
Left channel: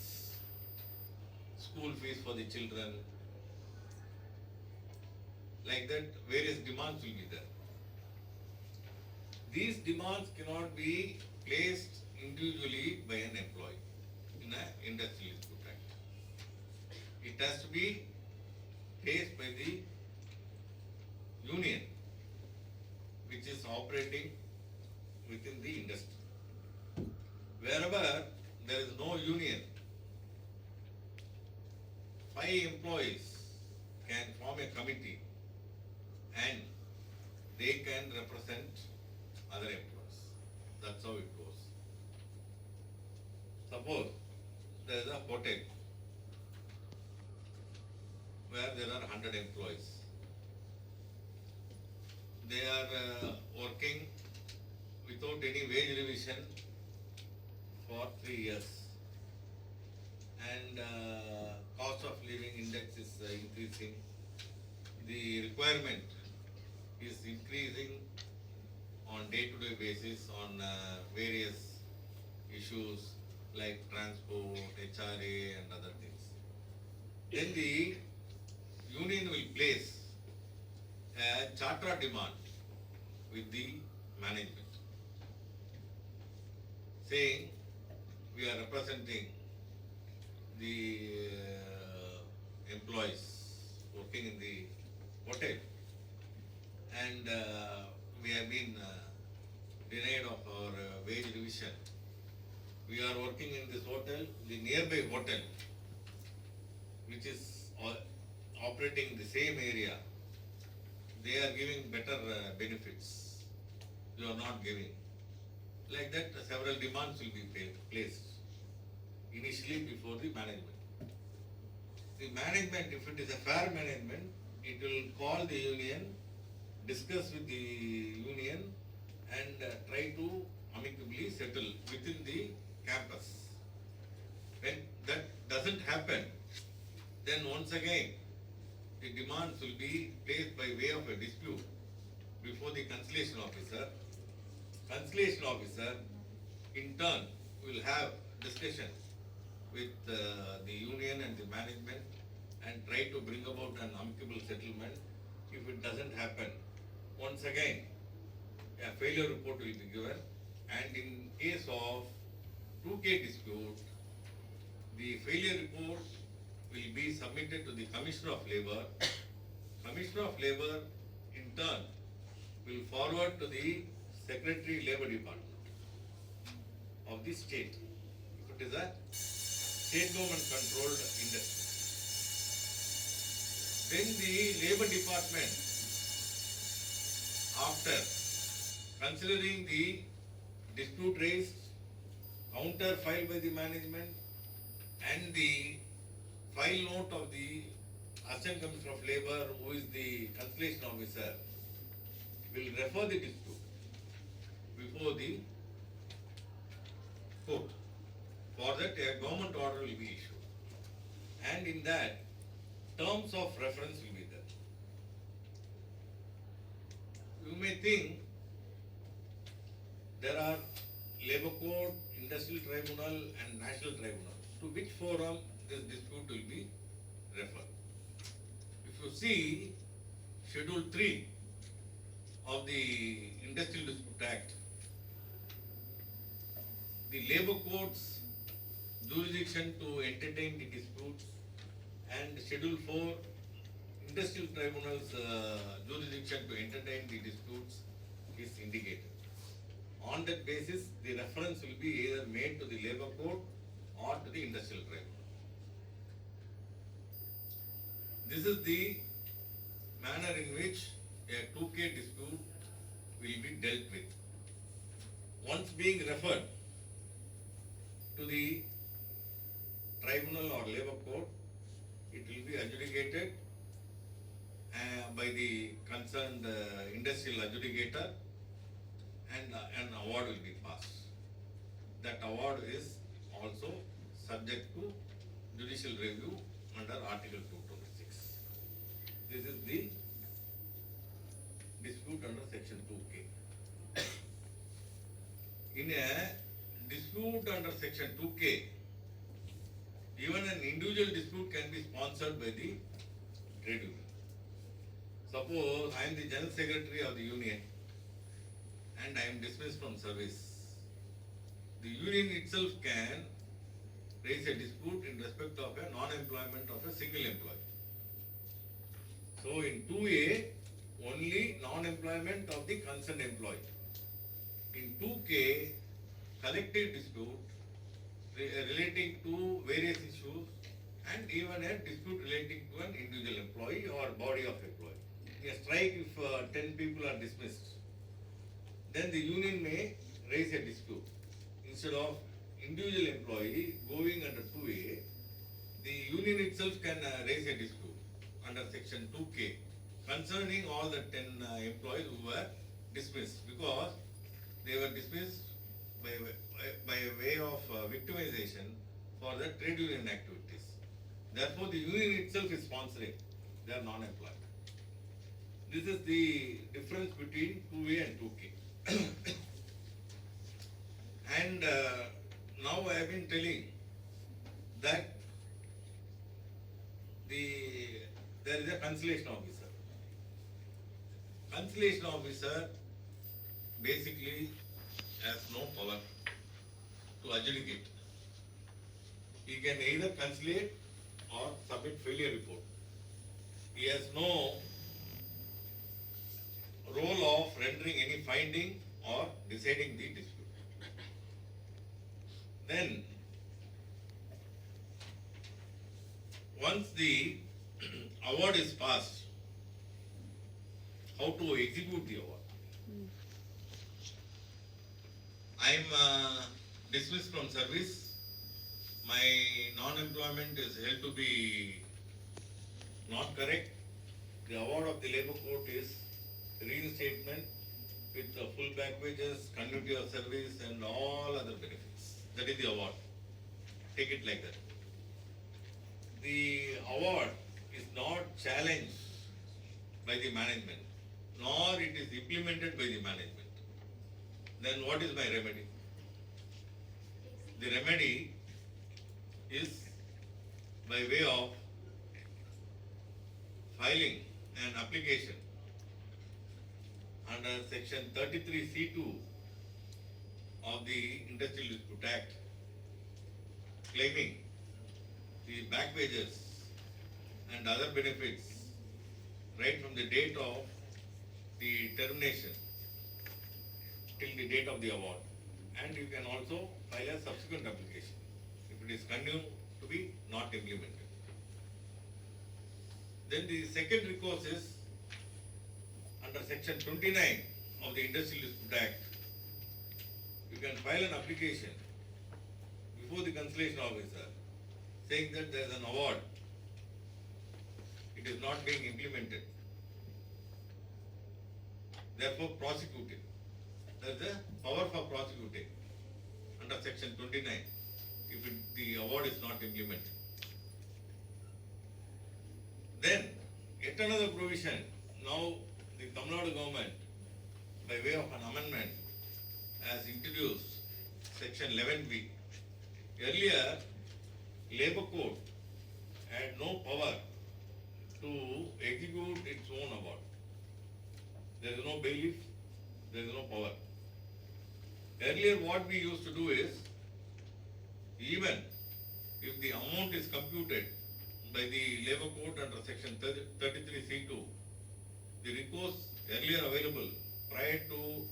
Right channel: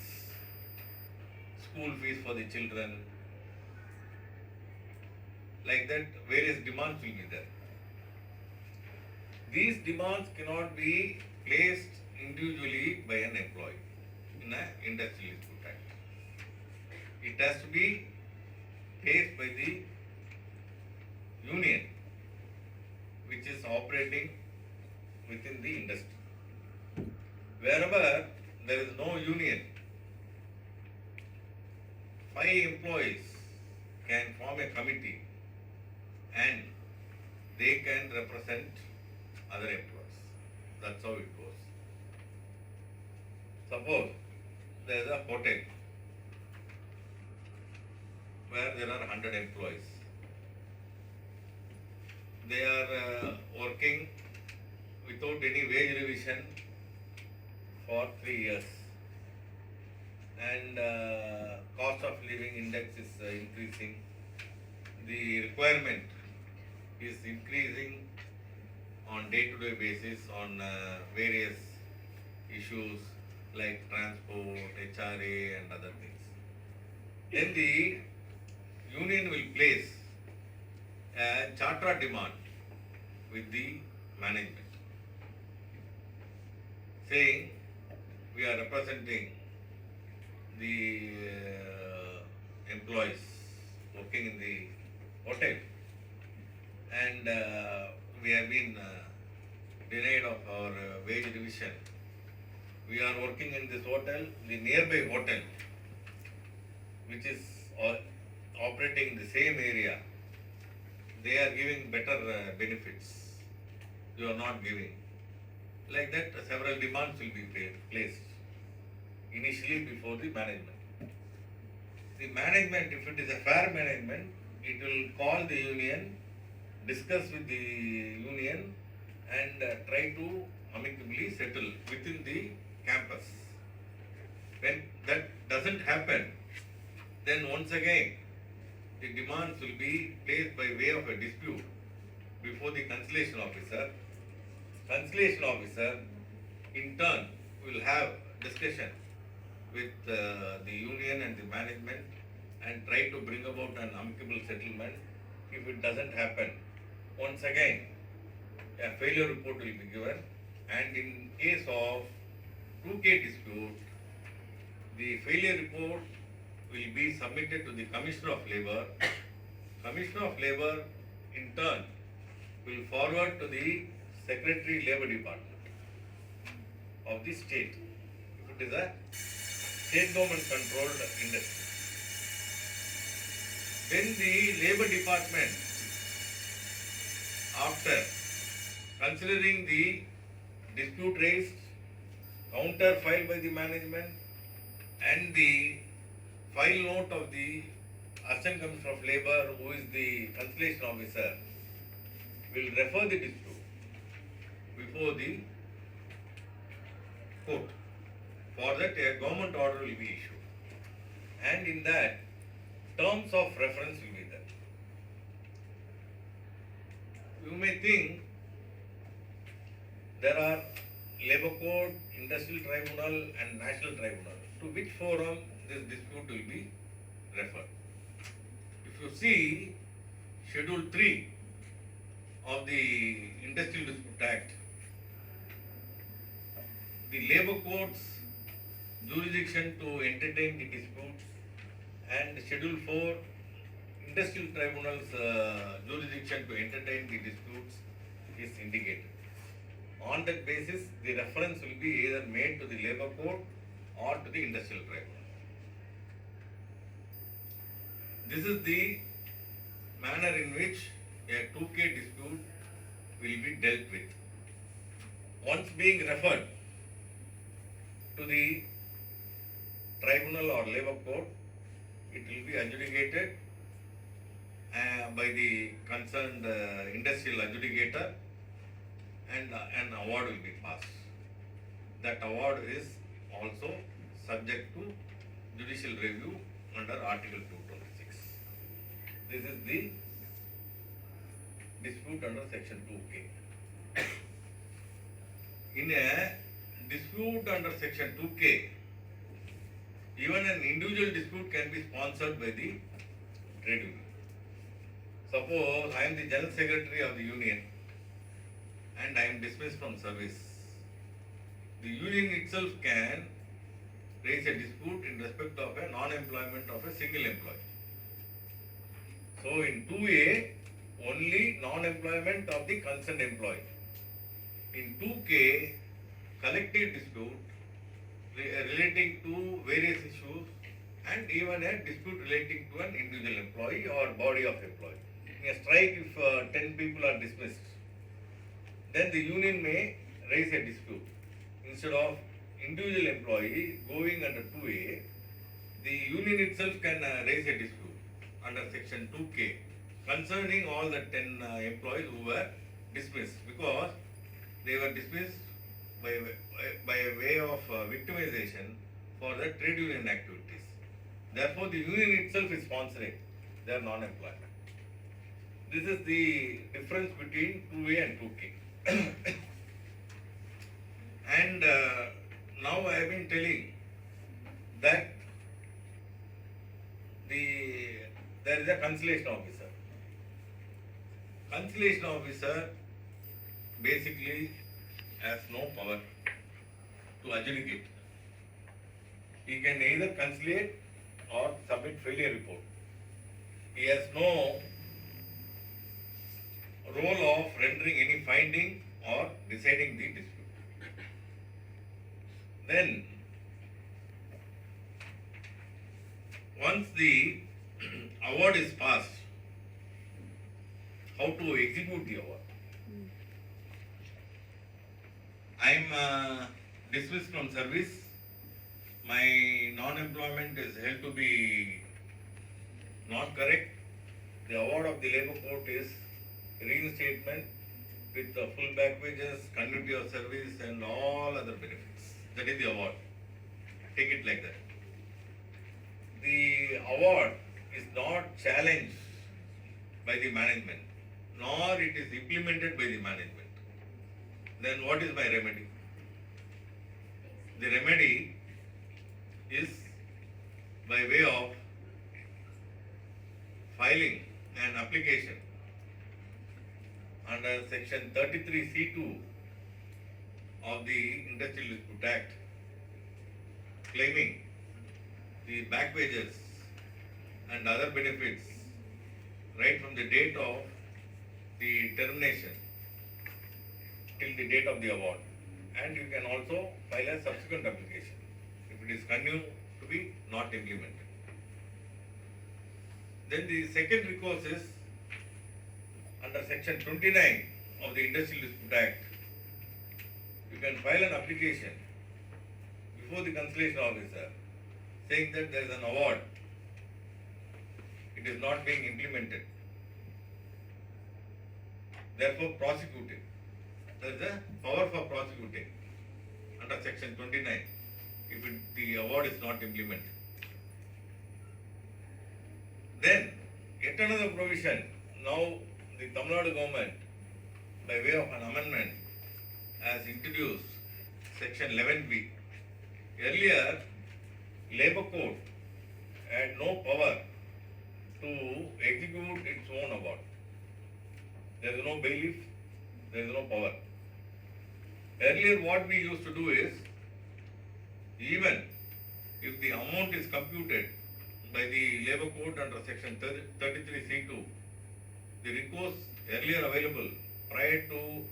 school fees for the children, like that various demands will be there. These demands cannot be placed individually by an employee in an Industrial Dispute Act. it has to be faced by the union which is operating within the industry. Wherever there is no union, 5 employees can form a committee and they can represent other employees. That's how it goes. Suppose there is a hotel where there are 100 employees. They are working without any wage revision for 3 years, and cost of living index is increasing. The requirement is increasing on day-to-day basis on various issues like transport, HRA and other things. Then the union will place a charter demand with the management, saying we are representing the employees working in the hotel, and we have been denied of our wage revision. We are working in this hotel, the nearby hotel, which is operating in the same area. They are giving better benefits. You are not giving. Like that, several demands will be placed initially before the management. The management, if it is a fair management, it will call the union, discuss with the union, and try to amicably settle within the campus. When that doesn't happen, then once again the demands will be placed by way of a dispute before the conciliation officer. Conciliation officer in turn will have discussion with the union and the management and try to bring about an amicable settlement. If it doesn't happen, once again a failure report will be given, and in case of 2K dispute, the failure report will be submitted to the Commissioner of Labour. Commissioner of Labour in turn will forward to the Secretary Labour Department of the state, if it is a state government controlled industry. Then the Labour Department, after considering the dispute raised, counter filed by the management, and the file note of the Assistant Commissioner of Labour, who is the conciliation officer, will refer the dispute before the court. For that, a government order will be issued, and in that, terms of reference will be there. You may think there are Labour Court, Industrial Tribunal and National Tribunal. To which forum this dispute will be referred? If you see Schedule 3 of the Industrial Dispute Act, the Labour Court's jurisdiction to entertain the disputes, and Schedule 4, Industrial Tribunal's jurisdiction to entertain the disputes is indicated. On that basis, the reference will be either made to the Labour Court or to the Industrial Tribunal. This is the manner in which a 2K dispute will be dealt with. Once being referred to the tribunal or Labour Court, it will be adjudicated by the concerned industrial adjudicator, and an award will be passed. That award is also subject to judicial review under Article 226. This is the dispute under Section 2K. In a dispute under Section 2K, even an individual dispute can be sponsored by the trade union. Suppose I am the General Secretary of the union and I am dismissed from service. The union itself can raise a dispute in respect of a non-employment of a single employee. So in 2A, only non-employment of the concerned employee. In 2K, collective dispute relating to various issues and even a dispute relating to an individual employee or body of employee. In a strike, if 10 people are dismissed, then the union may raise a dispute. Instead of individual employee going under 2A, the union itself can raise a dispute under section 2K concerning all the 10 employees who were dismissed, because they were dismissed by a way of victimization for the trade union activities. Therefore, the union itself is sponsoring their non-employment. This is the difference between 2A and 2K. And now I have been telling that there is a conciliation officer. Conciliation officer basically has no power to adjudicate. He can either conciliate or submit failure report. He has no role of rendering any finding or deciding the dispute. Then, once the award is passed, how to execute the award? I am dismissed from service. My non-employment is held to be not correct. The award of the labour court is reinstatement with the full back wages, continuity of service and all other benefits. That is the award. Take it like that. The award is not challenged by the management, nor it is implemented by the management. Then what is my remedy? The remedy is by way of filing an application under section 33C2 of the Industrial Dispute Act, claiming the back wages and other benefits right from the date of the termination till the date of the award. And you can also file a subsequent application if it is continued to be not implemented. Then the second recourse is under section 29 of the Industrial Dispute Act. You can file an application before the conciliation officer saying that there is an award, it is not being implemented, therefore prosecuting. There is a power for prosecuting under section 29 if the award is not implemented. Then yet another provision, now the Tamil Nadu government by way of an amendment has introduced section 11B. Earlier, Labour Court had no power to execute its own award. There is no bailiff, there is no power. Earlier what we used to do is, even if the amount is computed by the Labour Court under section 33C2, the recourse earlier available prior to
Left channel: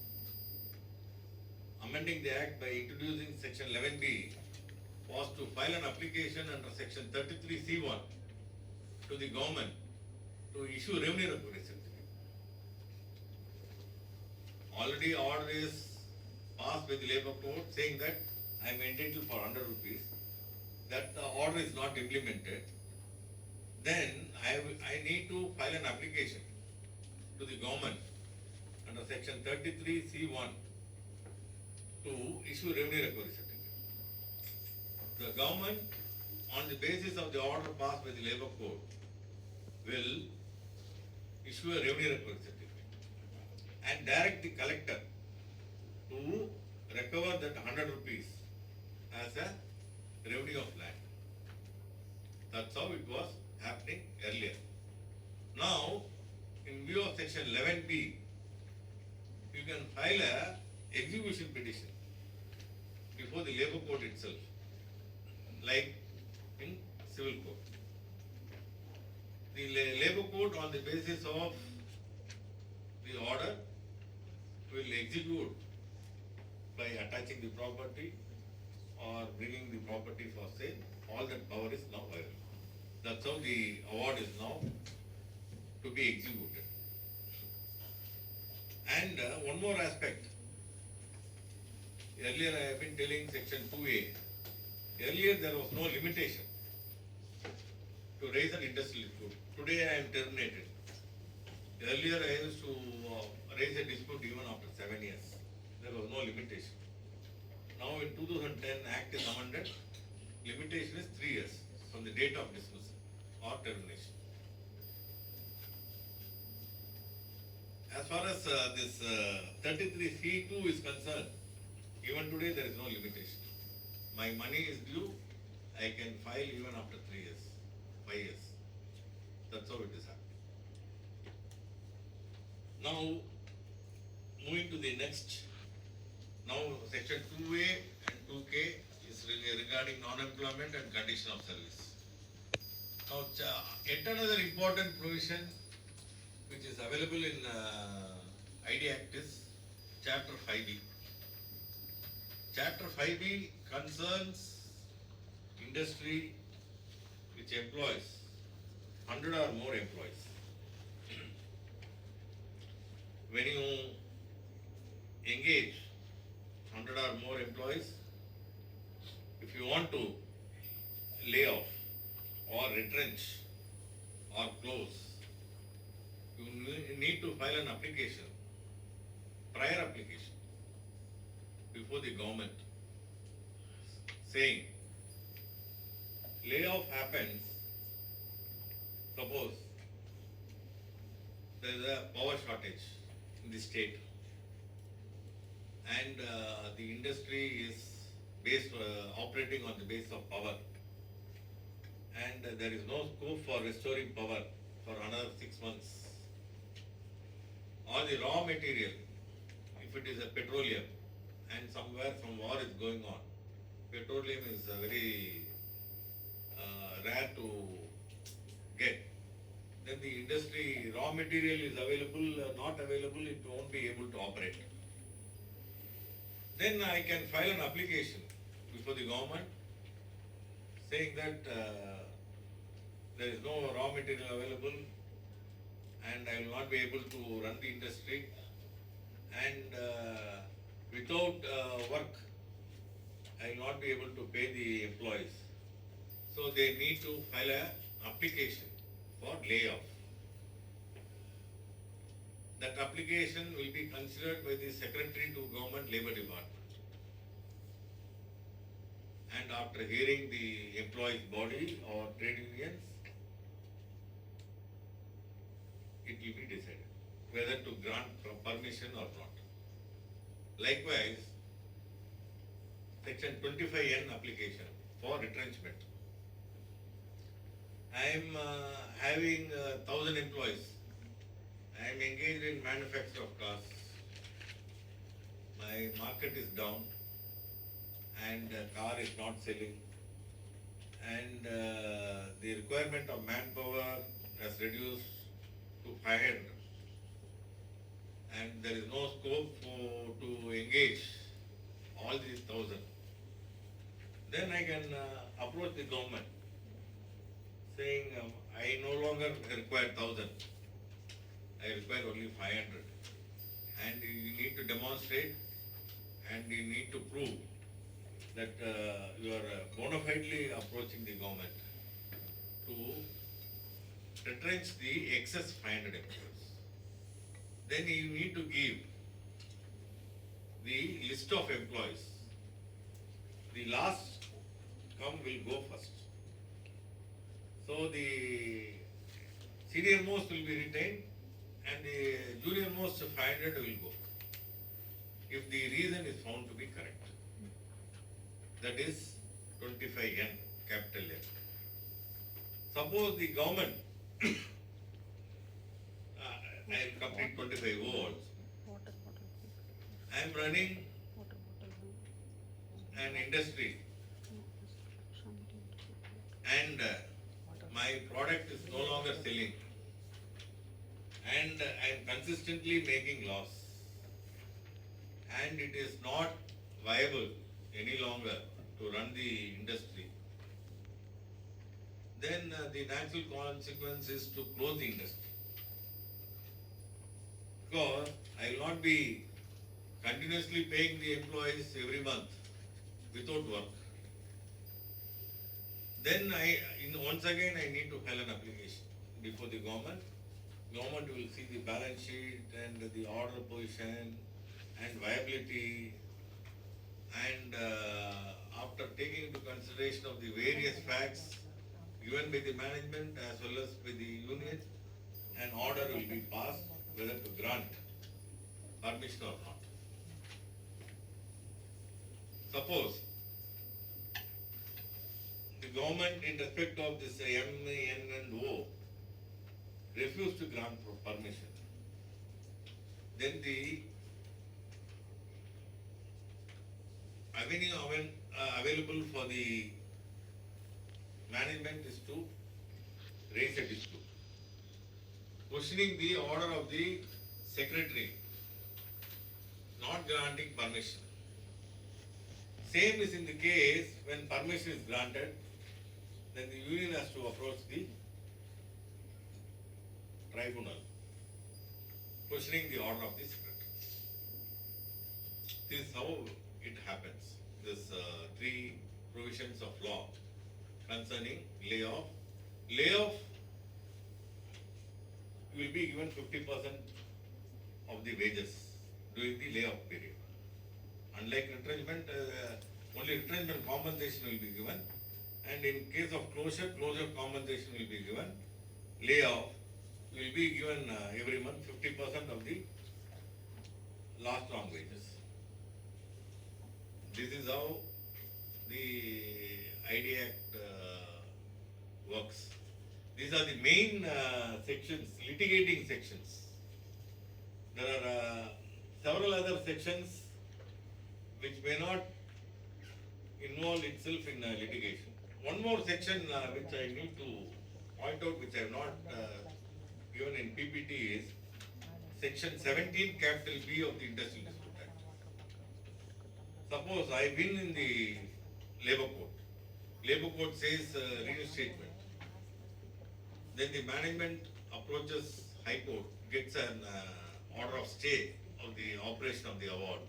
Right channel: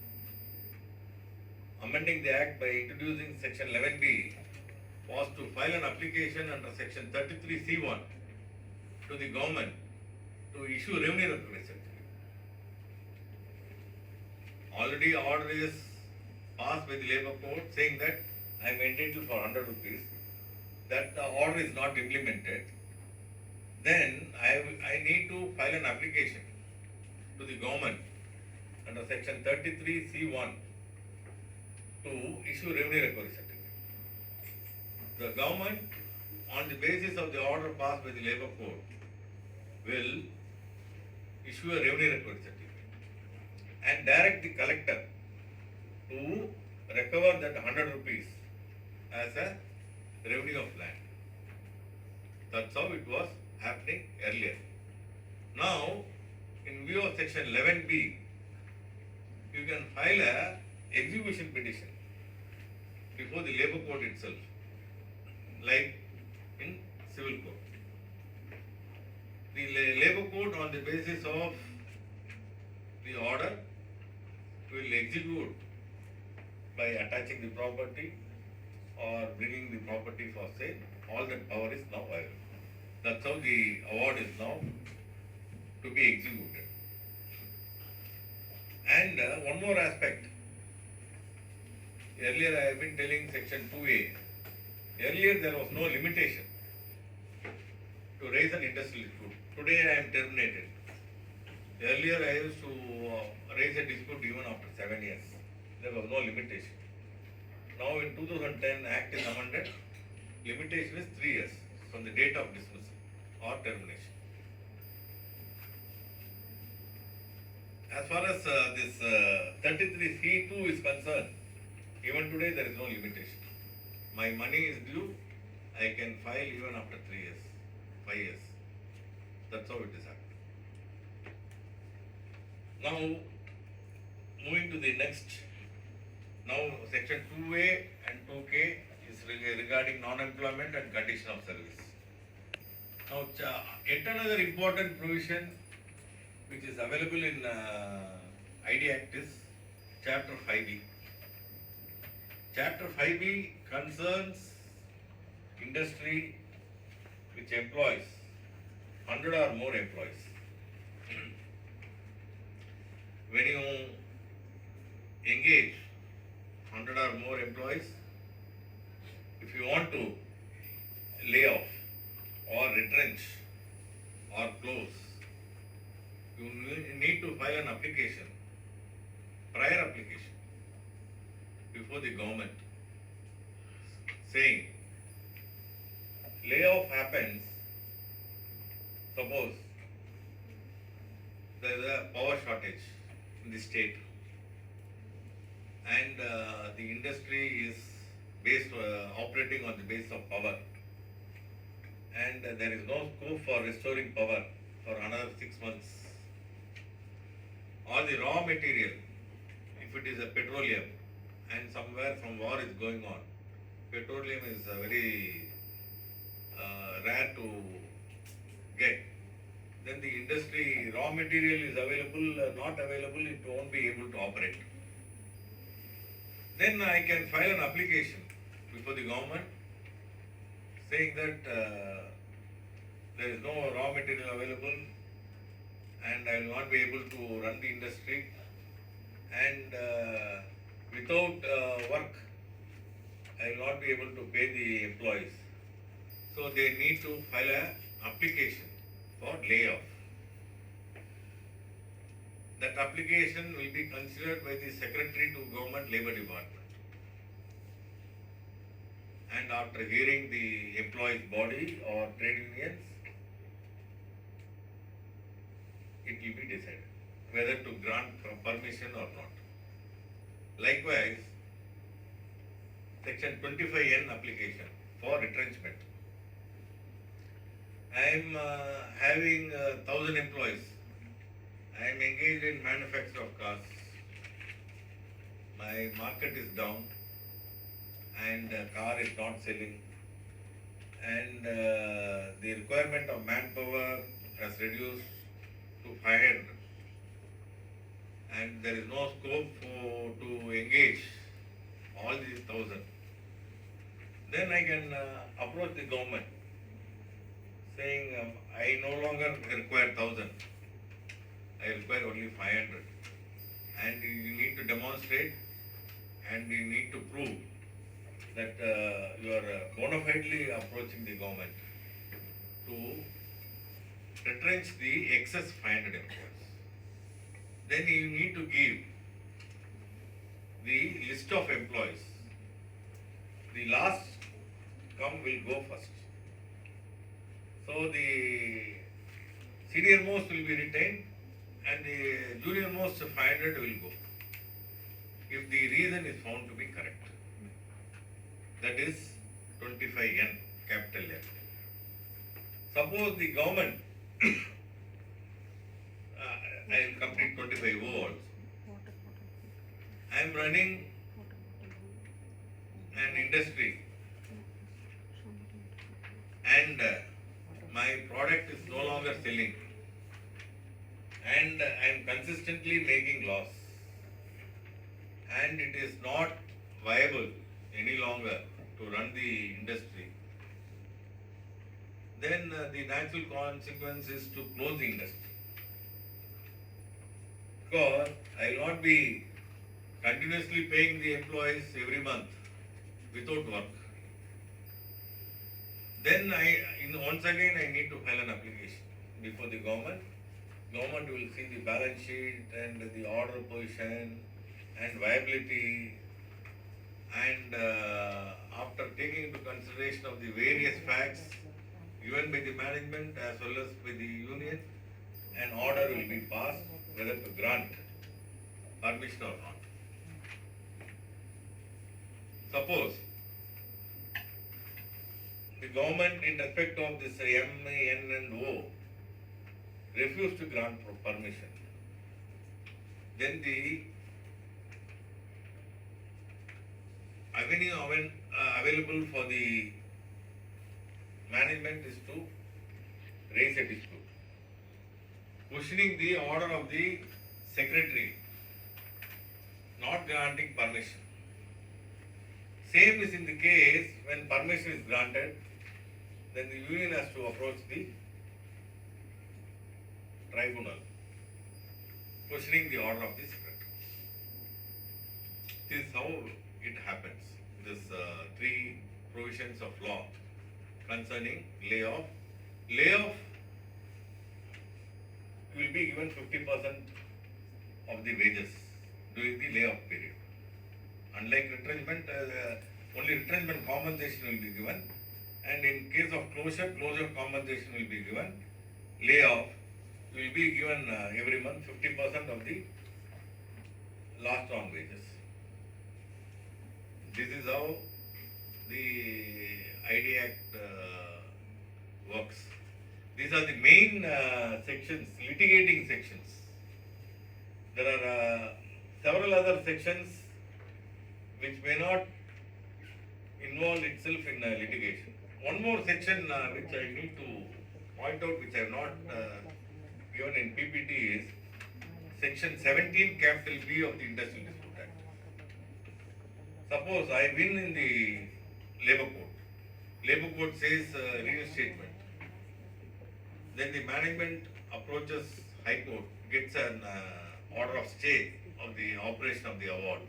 amending the Act by introducing section 11B was to file an application under section 33C1 to the government to issue revenue recognition certificate. Already order is passed by the Labour Court saying that I am entitled for 100 rupees. That the order is not implemented. Then I need to file an application to the government under section 33C1 to issue revenue recovery certificate. The government, on the basis of the order passed by the Labour Court, will issue a revenue recovery certificate and direct the collector to recover that 100 rupees as a revenue of land. That's how it was happening earlier. Now, in view of section 11B, you can file a execution petition before the Labour Court itself. like in civil code. The labor code, on the basis of the order, will execute by attaching the property or bringing the property for sale. All that power is now available. That's how the award is now to be executed. And one more aspect. Earlier I have been telling section 2A. Earlier there was no limitation to raise an industrial dispute. Today I am terminated. Earlier I used to raise a dispute even after 7 years. There was no limitation. Now in 2010 Act is amended. Limitation is 3 years from the date of dismissal or termination. As far as this 33C2 is concerned, even today there is no limitation. My money is due, I can file even after 3 years, 5 years. That's how it is happening. Now, moving to the next. Now, section 2A and 2K is regarding non-employment and condition of service. Now, yet another important provision which is available in ID Act is Chapter 5B. Chapter 5B concerns industry which employs 100 or more employees. When you engage 100 or more employees, if you want to lay off or retrench or close, you need to file an application, prior application, before the government, saying layoff happens, suppose there is a power shortage in the state and the industry is based operating on the basis of power, and there is no scope for restoring power for another 6 months. Or the raw material, if it is a petroleum and somewhere some war is going on, petroleum is very rare to get, then the industry raw material is available, not available, it won't be able to operate. Then I can file an application before the government saying that there is no raw material available and I will not be able to run the industry, and without work I will not be able to pay the employees. So they need to file an application for layoff. That application will be considered by the Secretary to Government Labour Department. And after hearing the employees' body or trade unions, it will be decided whether to grant permission or not. Likewise, section 25N application for retrenchment. I am having 1,000 employees. I am engaged in manufacture of cars. My market is down and car is not selling, and the requirement of manpower has reduced to 500, and there is no scope to engage all these 1,000. Then I can approach the government saying I no longer require 1,000, I require only 500, and you need to demonstrate and you need to prove that you are bona fidely approaching the government to retrench the excess 500 employees. Then you need to give the list of employees. The last come will go first. So the senior most will be retained and the junior most 500 will go, if the reason is found to be correct. That is 25N, capital N. Suppose the government, I will complete 25O also. I am running an industry and I am consistently making loss, and it is not viable any longer to run the industry, then the natural consequence is to close the industry. Because I will not be continuously paying the employees every month without work. Then once again I need to file an application before the government. Government will see the balance sheet and the order position and viability, and after taking into consideration of the various facts given by the management as well as by the union, an order will be passed whether to grant permission or not. Suppose the government in respect of this M, N and O refuse to grant permission, then the avenue available for the management is to raise a dispute, questioning the order of the secretary, not granting permission. Same is in the case when permission is granted, then the union has to approach the tribunal, questioning the order of the secretary. This is how it happens. This three provisions of law concerning layoff. Layoff will be given 50% of the wages during the layoff period. Unlike retrenchment, only retrenchment compensation will be given, and in case of closure compensation will be given. Layoff will be given every month 50% of the last on wages. This is how the ID Act works. These are the main sections, litigating sections. There are several other sections which may not involve itself in litigation. One more section which I need to point out, which I have not given in PPT, is section 17 capital B of the Industrial Dispute Act. Suppose I win in the labor court. Labor court says reinstatement. Then the management approaches High Court, gets an order of stay of the operation of the award.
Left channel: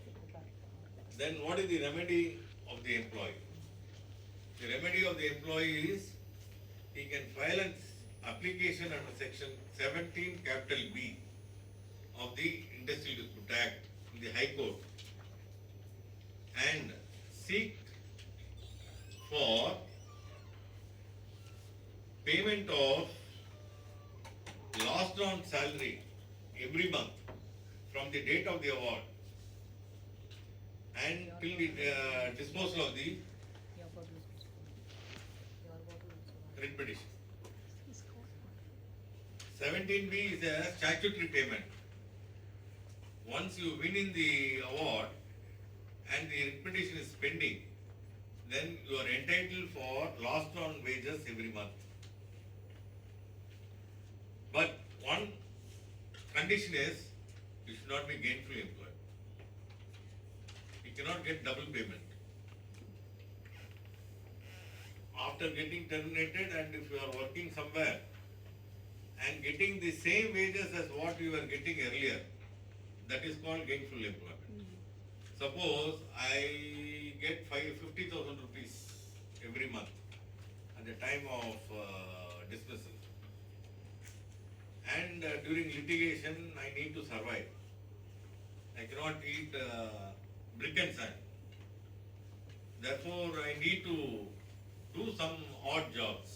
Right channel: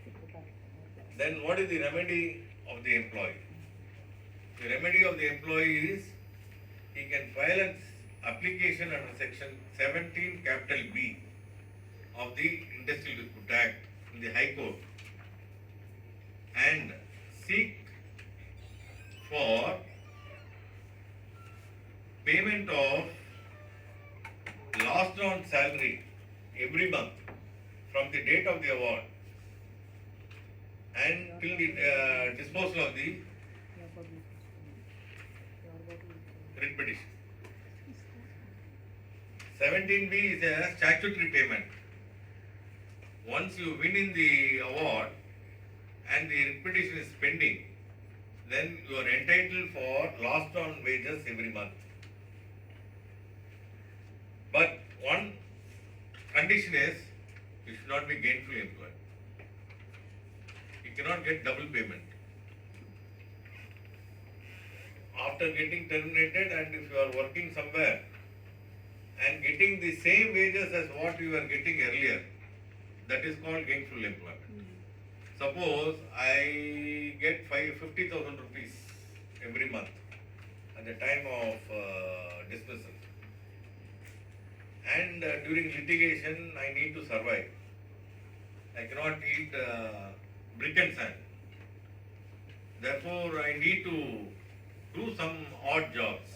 Then what is the remedy of the employee? The remedy of the employee is he can file an application under section 17 capital B of the Industrial Dispute Act in the High Court and seek for payment of last on salary every month from the date of the award and till the disposal of the writ petition. 17B is a statutory payment. Once you win in the award and the writ petition is pending, then you are entitled for last on wages every month. But one condition is you should not be gainfully employed. You cannot get double payment. After getting terminated, and if you are working somewhere and getting the same wages as what you were getting earlier, that is called gainful employment. Suppose I get 50,000 rupees every month at the time of dismissal, and during litigation I need to survive. I cannot eat brick and sand. Therefore, I need to do some odd jobs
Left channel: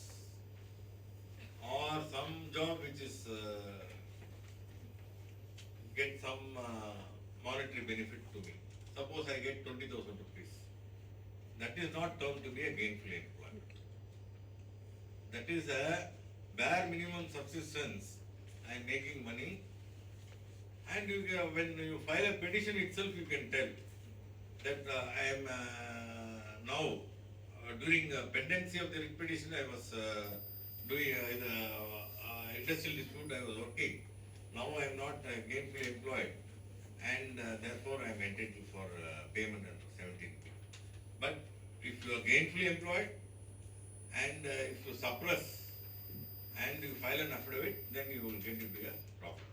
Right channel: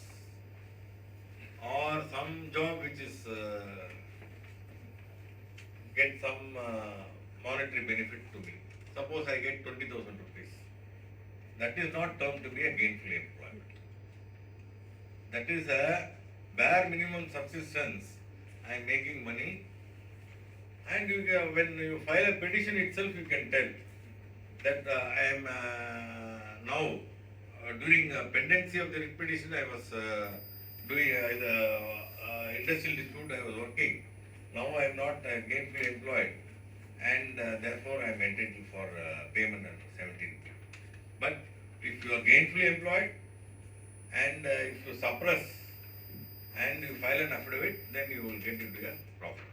or some job which is get some monetary benefit to me. Suppose I get 20,000 rupees. That is not termed to be a gainful employment. That is a bare minimum subsistence. I am making money, and when you file a petition itself, you can tell that I am now during pendency of the writ petition, I was doing the industrial dispute. I was working. Now I am not gainfully employed, and therefore I am entitled for payment under 17. But if you are gainfully employed and if you suppress and you file an affidavit, then you will get into a profit.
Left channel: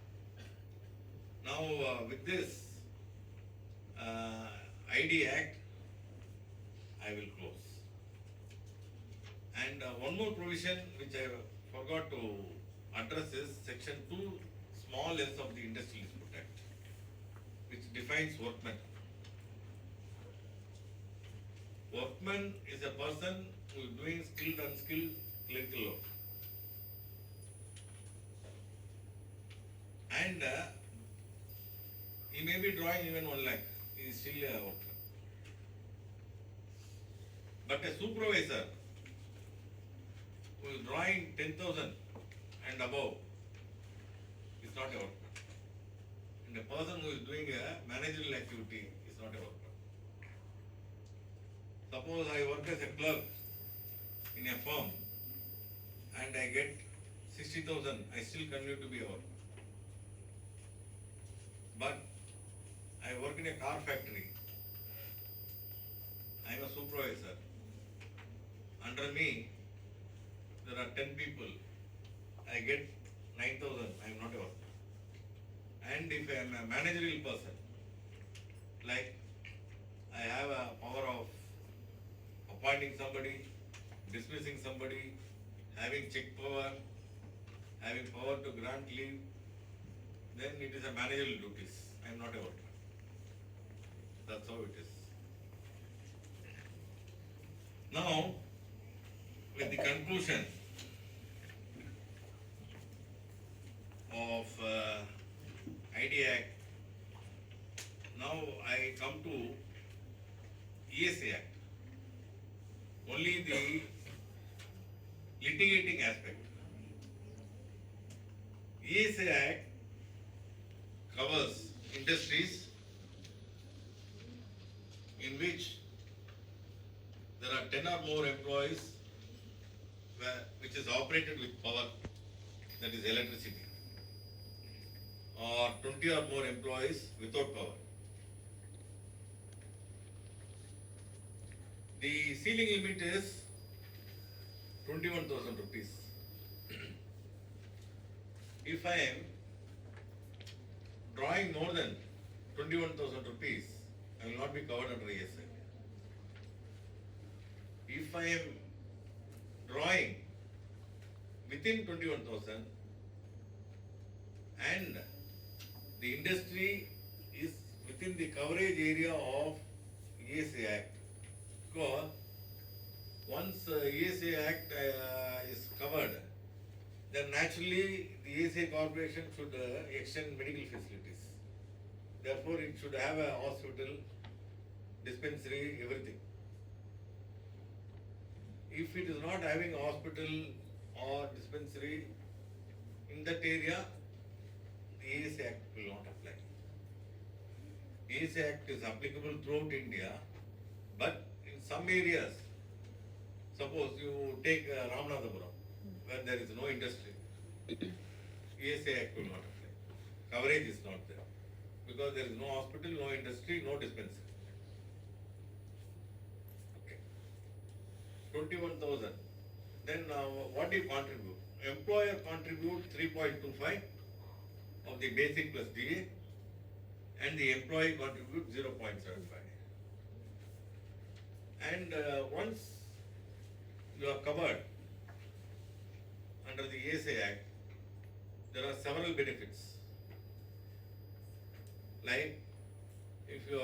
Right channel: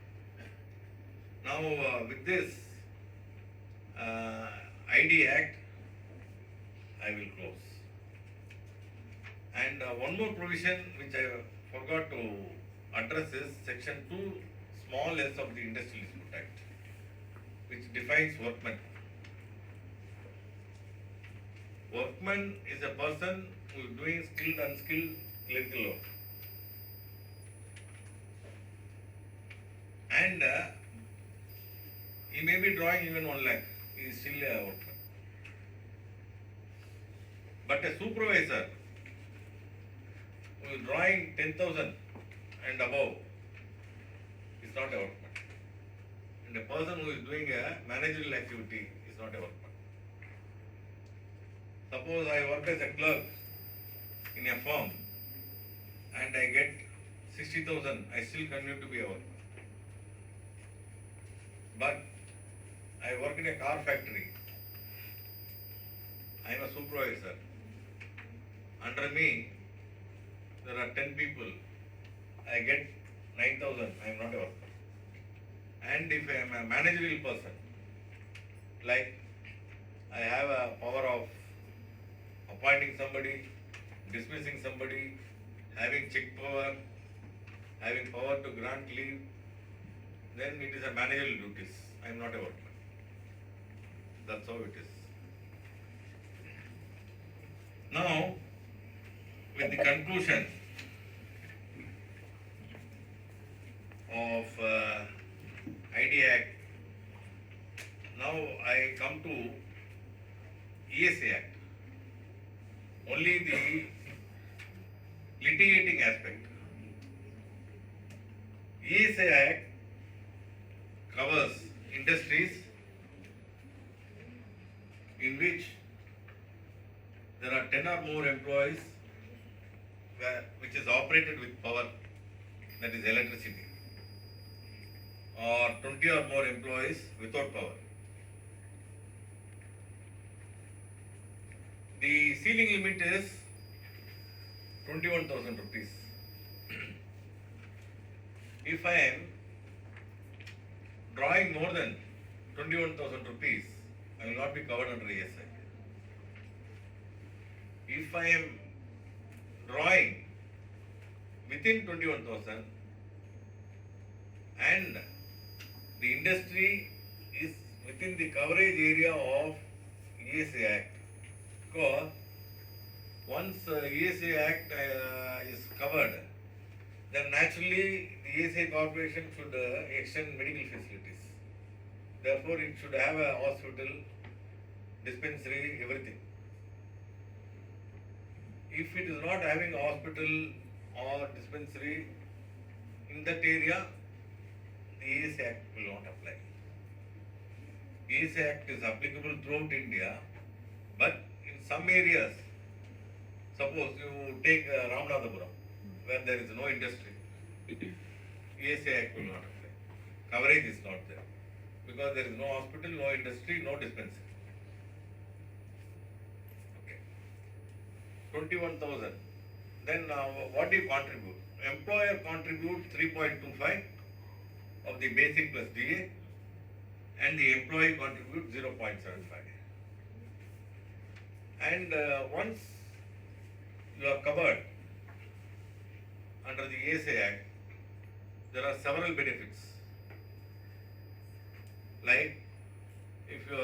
Now with this ID Act, I will close. And one more provision which I forgot to address is Section 2 small s of the Industrial Dispute Act, which defines workman. Workman is a person who is doing skilled, unskilled clerical work. And he may be drawing even 1 lakh, he is still a workman. But a supervisor who is drawing 10,000 and above is not a workman. And a person who is doing a managerial activity is not a workman. Suppose I work as a clerk in a firm and I get 60,000, I still continue to be a workman. But I work in a car factory. I am a supervisor. Under me, there are 10 people. I get 9,000. I am not a worker. And if I am a managerial person, like I have a power of appointing somebody, dismissing somebody, having check power, having power to grant leave, then it is a managerial duties. I am not a workman. That's how it is. Now, with the conclusion of ID Act, now I come to ESA Act. Only the litigating aspect. ESA Act covers industries in which there are 10 or more employees which is operated with power, that is electricity, or 20 or more employees without power. The ceiling limit is 21,000 rupees. If I am drawing more than 21,000 rupees, I will not be covered under ESA. If I am drawing within 21,000 and the industry is within the coverage area of ESA Act, because once ESA Act is covered, then naturally the ESA corporation should extend medical facilities. Therefore, it should have a hospital, dispensary, everything. If it is not having a hospital or dispensary in that area, the ESA Act will not apply. ESA Act is applicable throughout India, but in some areas, suppose you take Ramanathapuram, where there is no industry, ESA Act will not apply. Coverage is not there, because there is no hospital, no industry, no dispensary. 21,000. Then what do you contribute? Employer contributes 3.25 of the basic plus DA, and the employee contributes 0.75. And once you are covered under the ESA Act, there are several benefits. Like if you are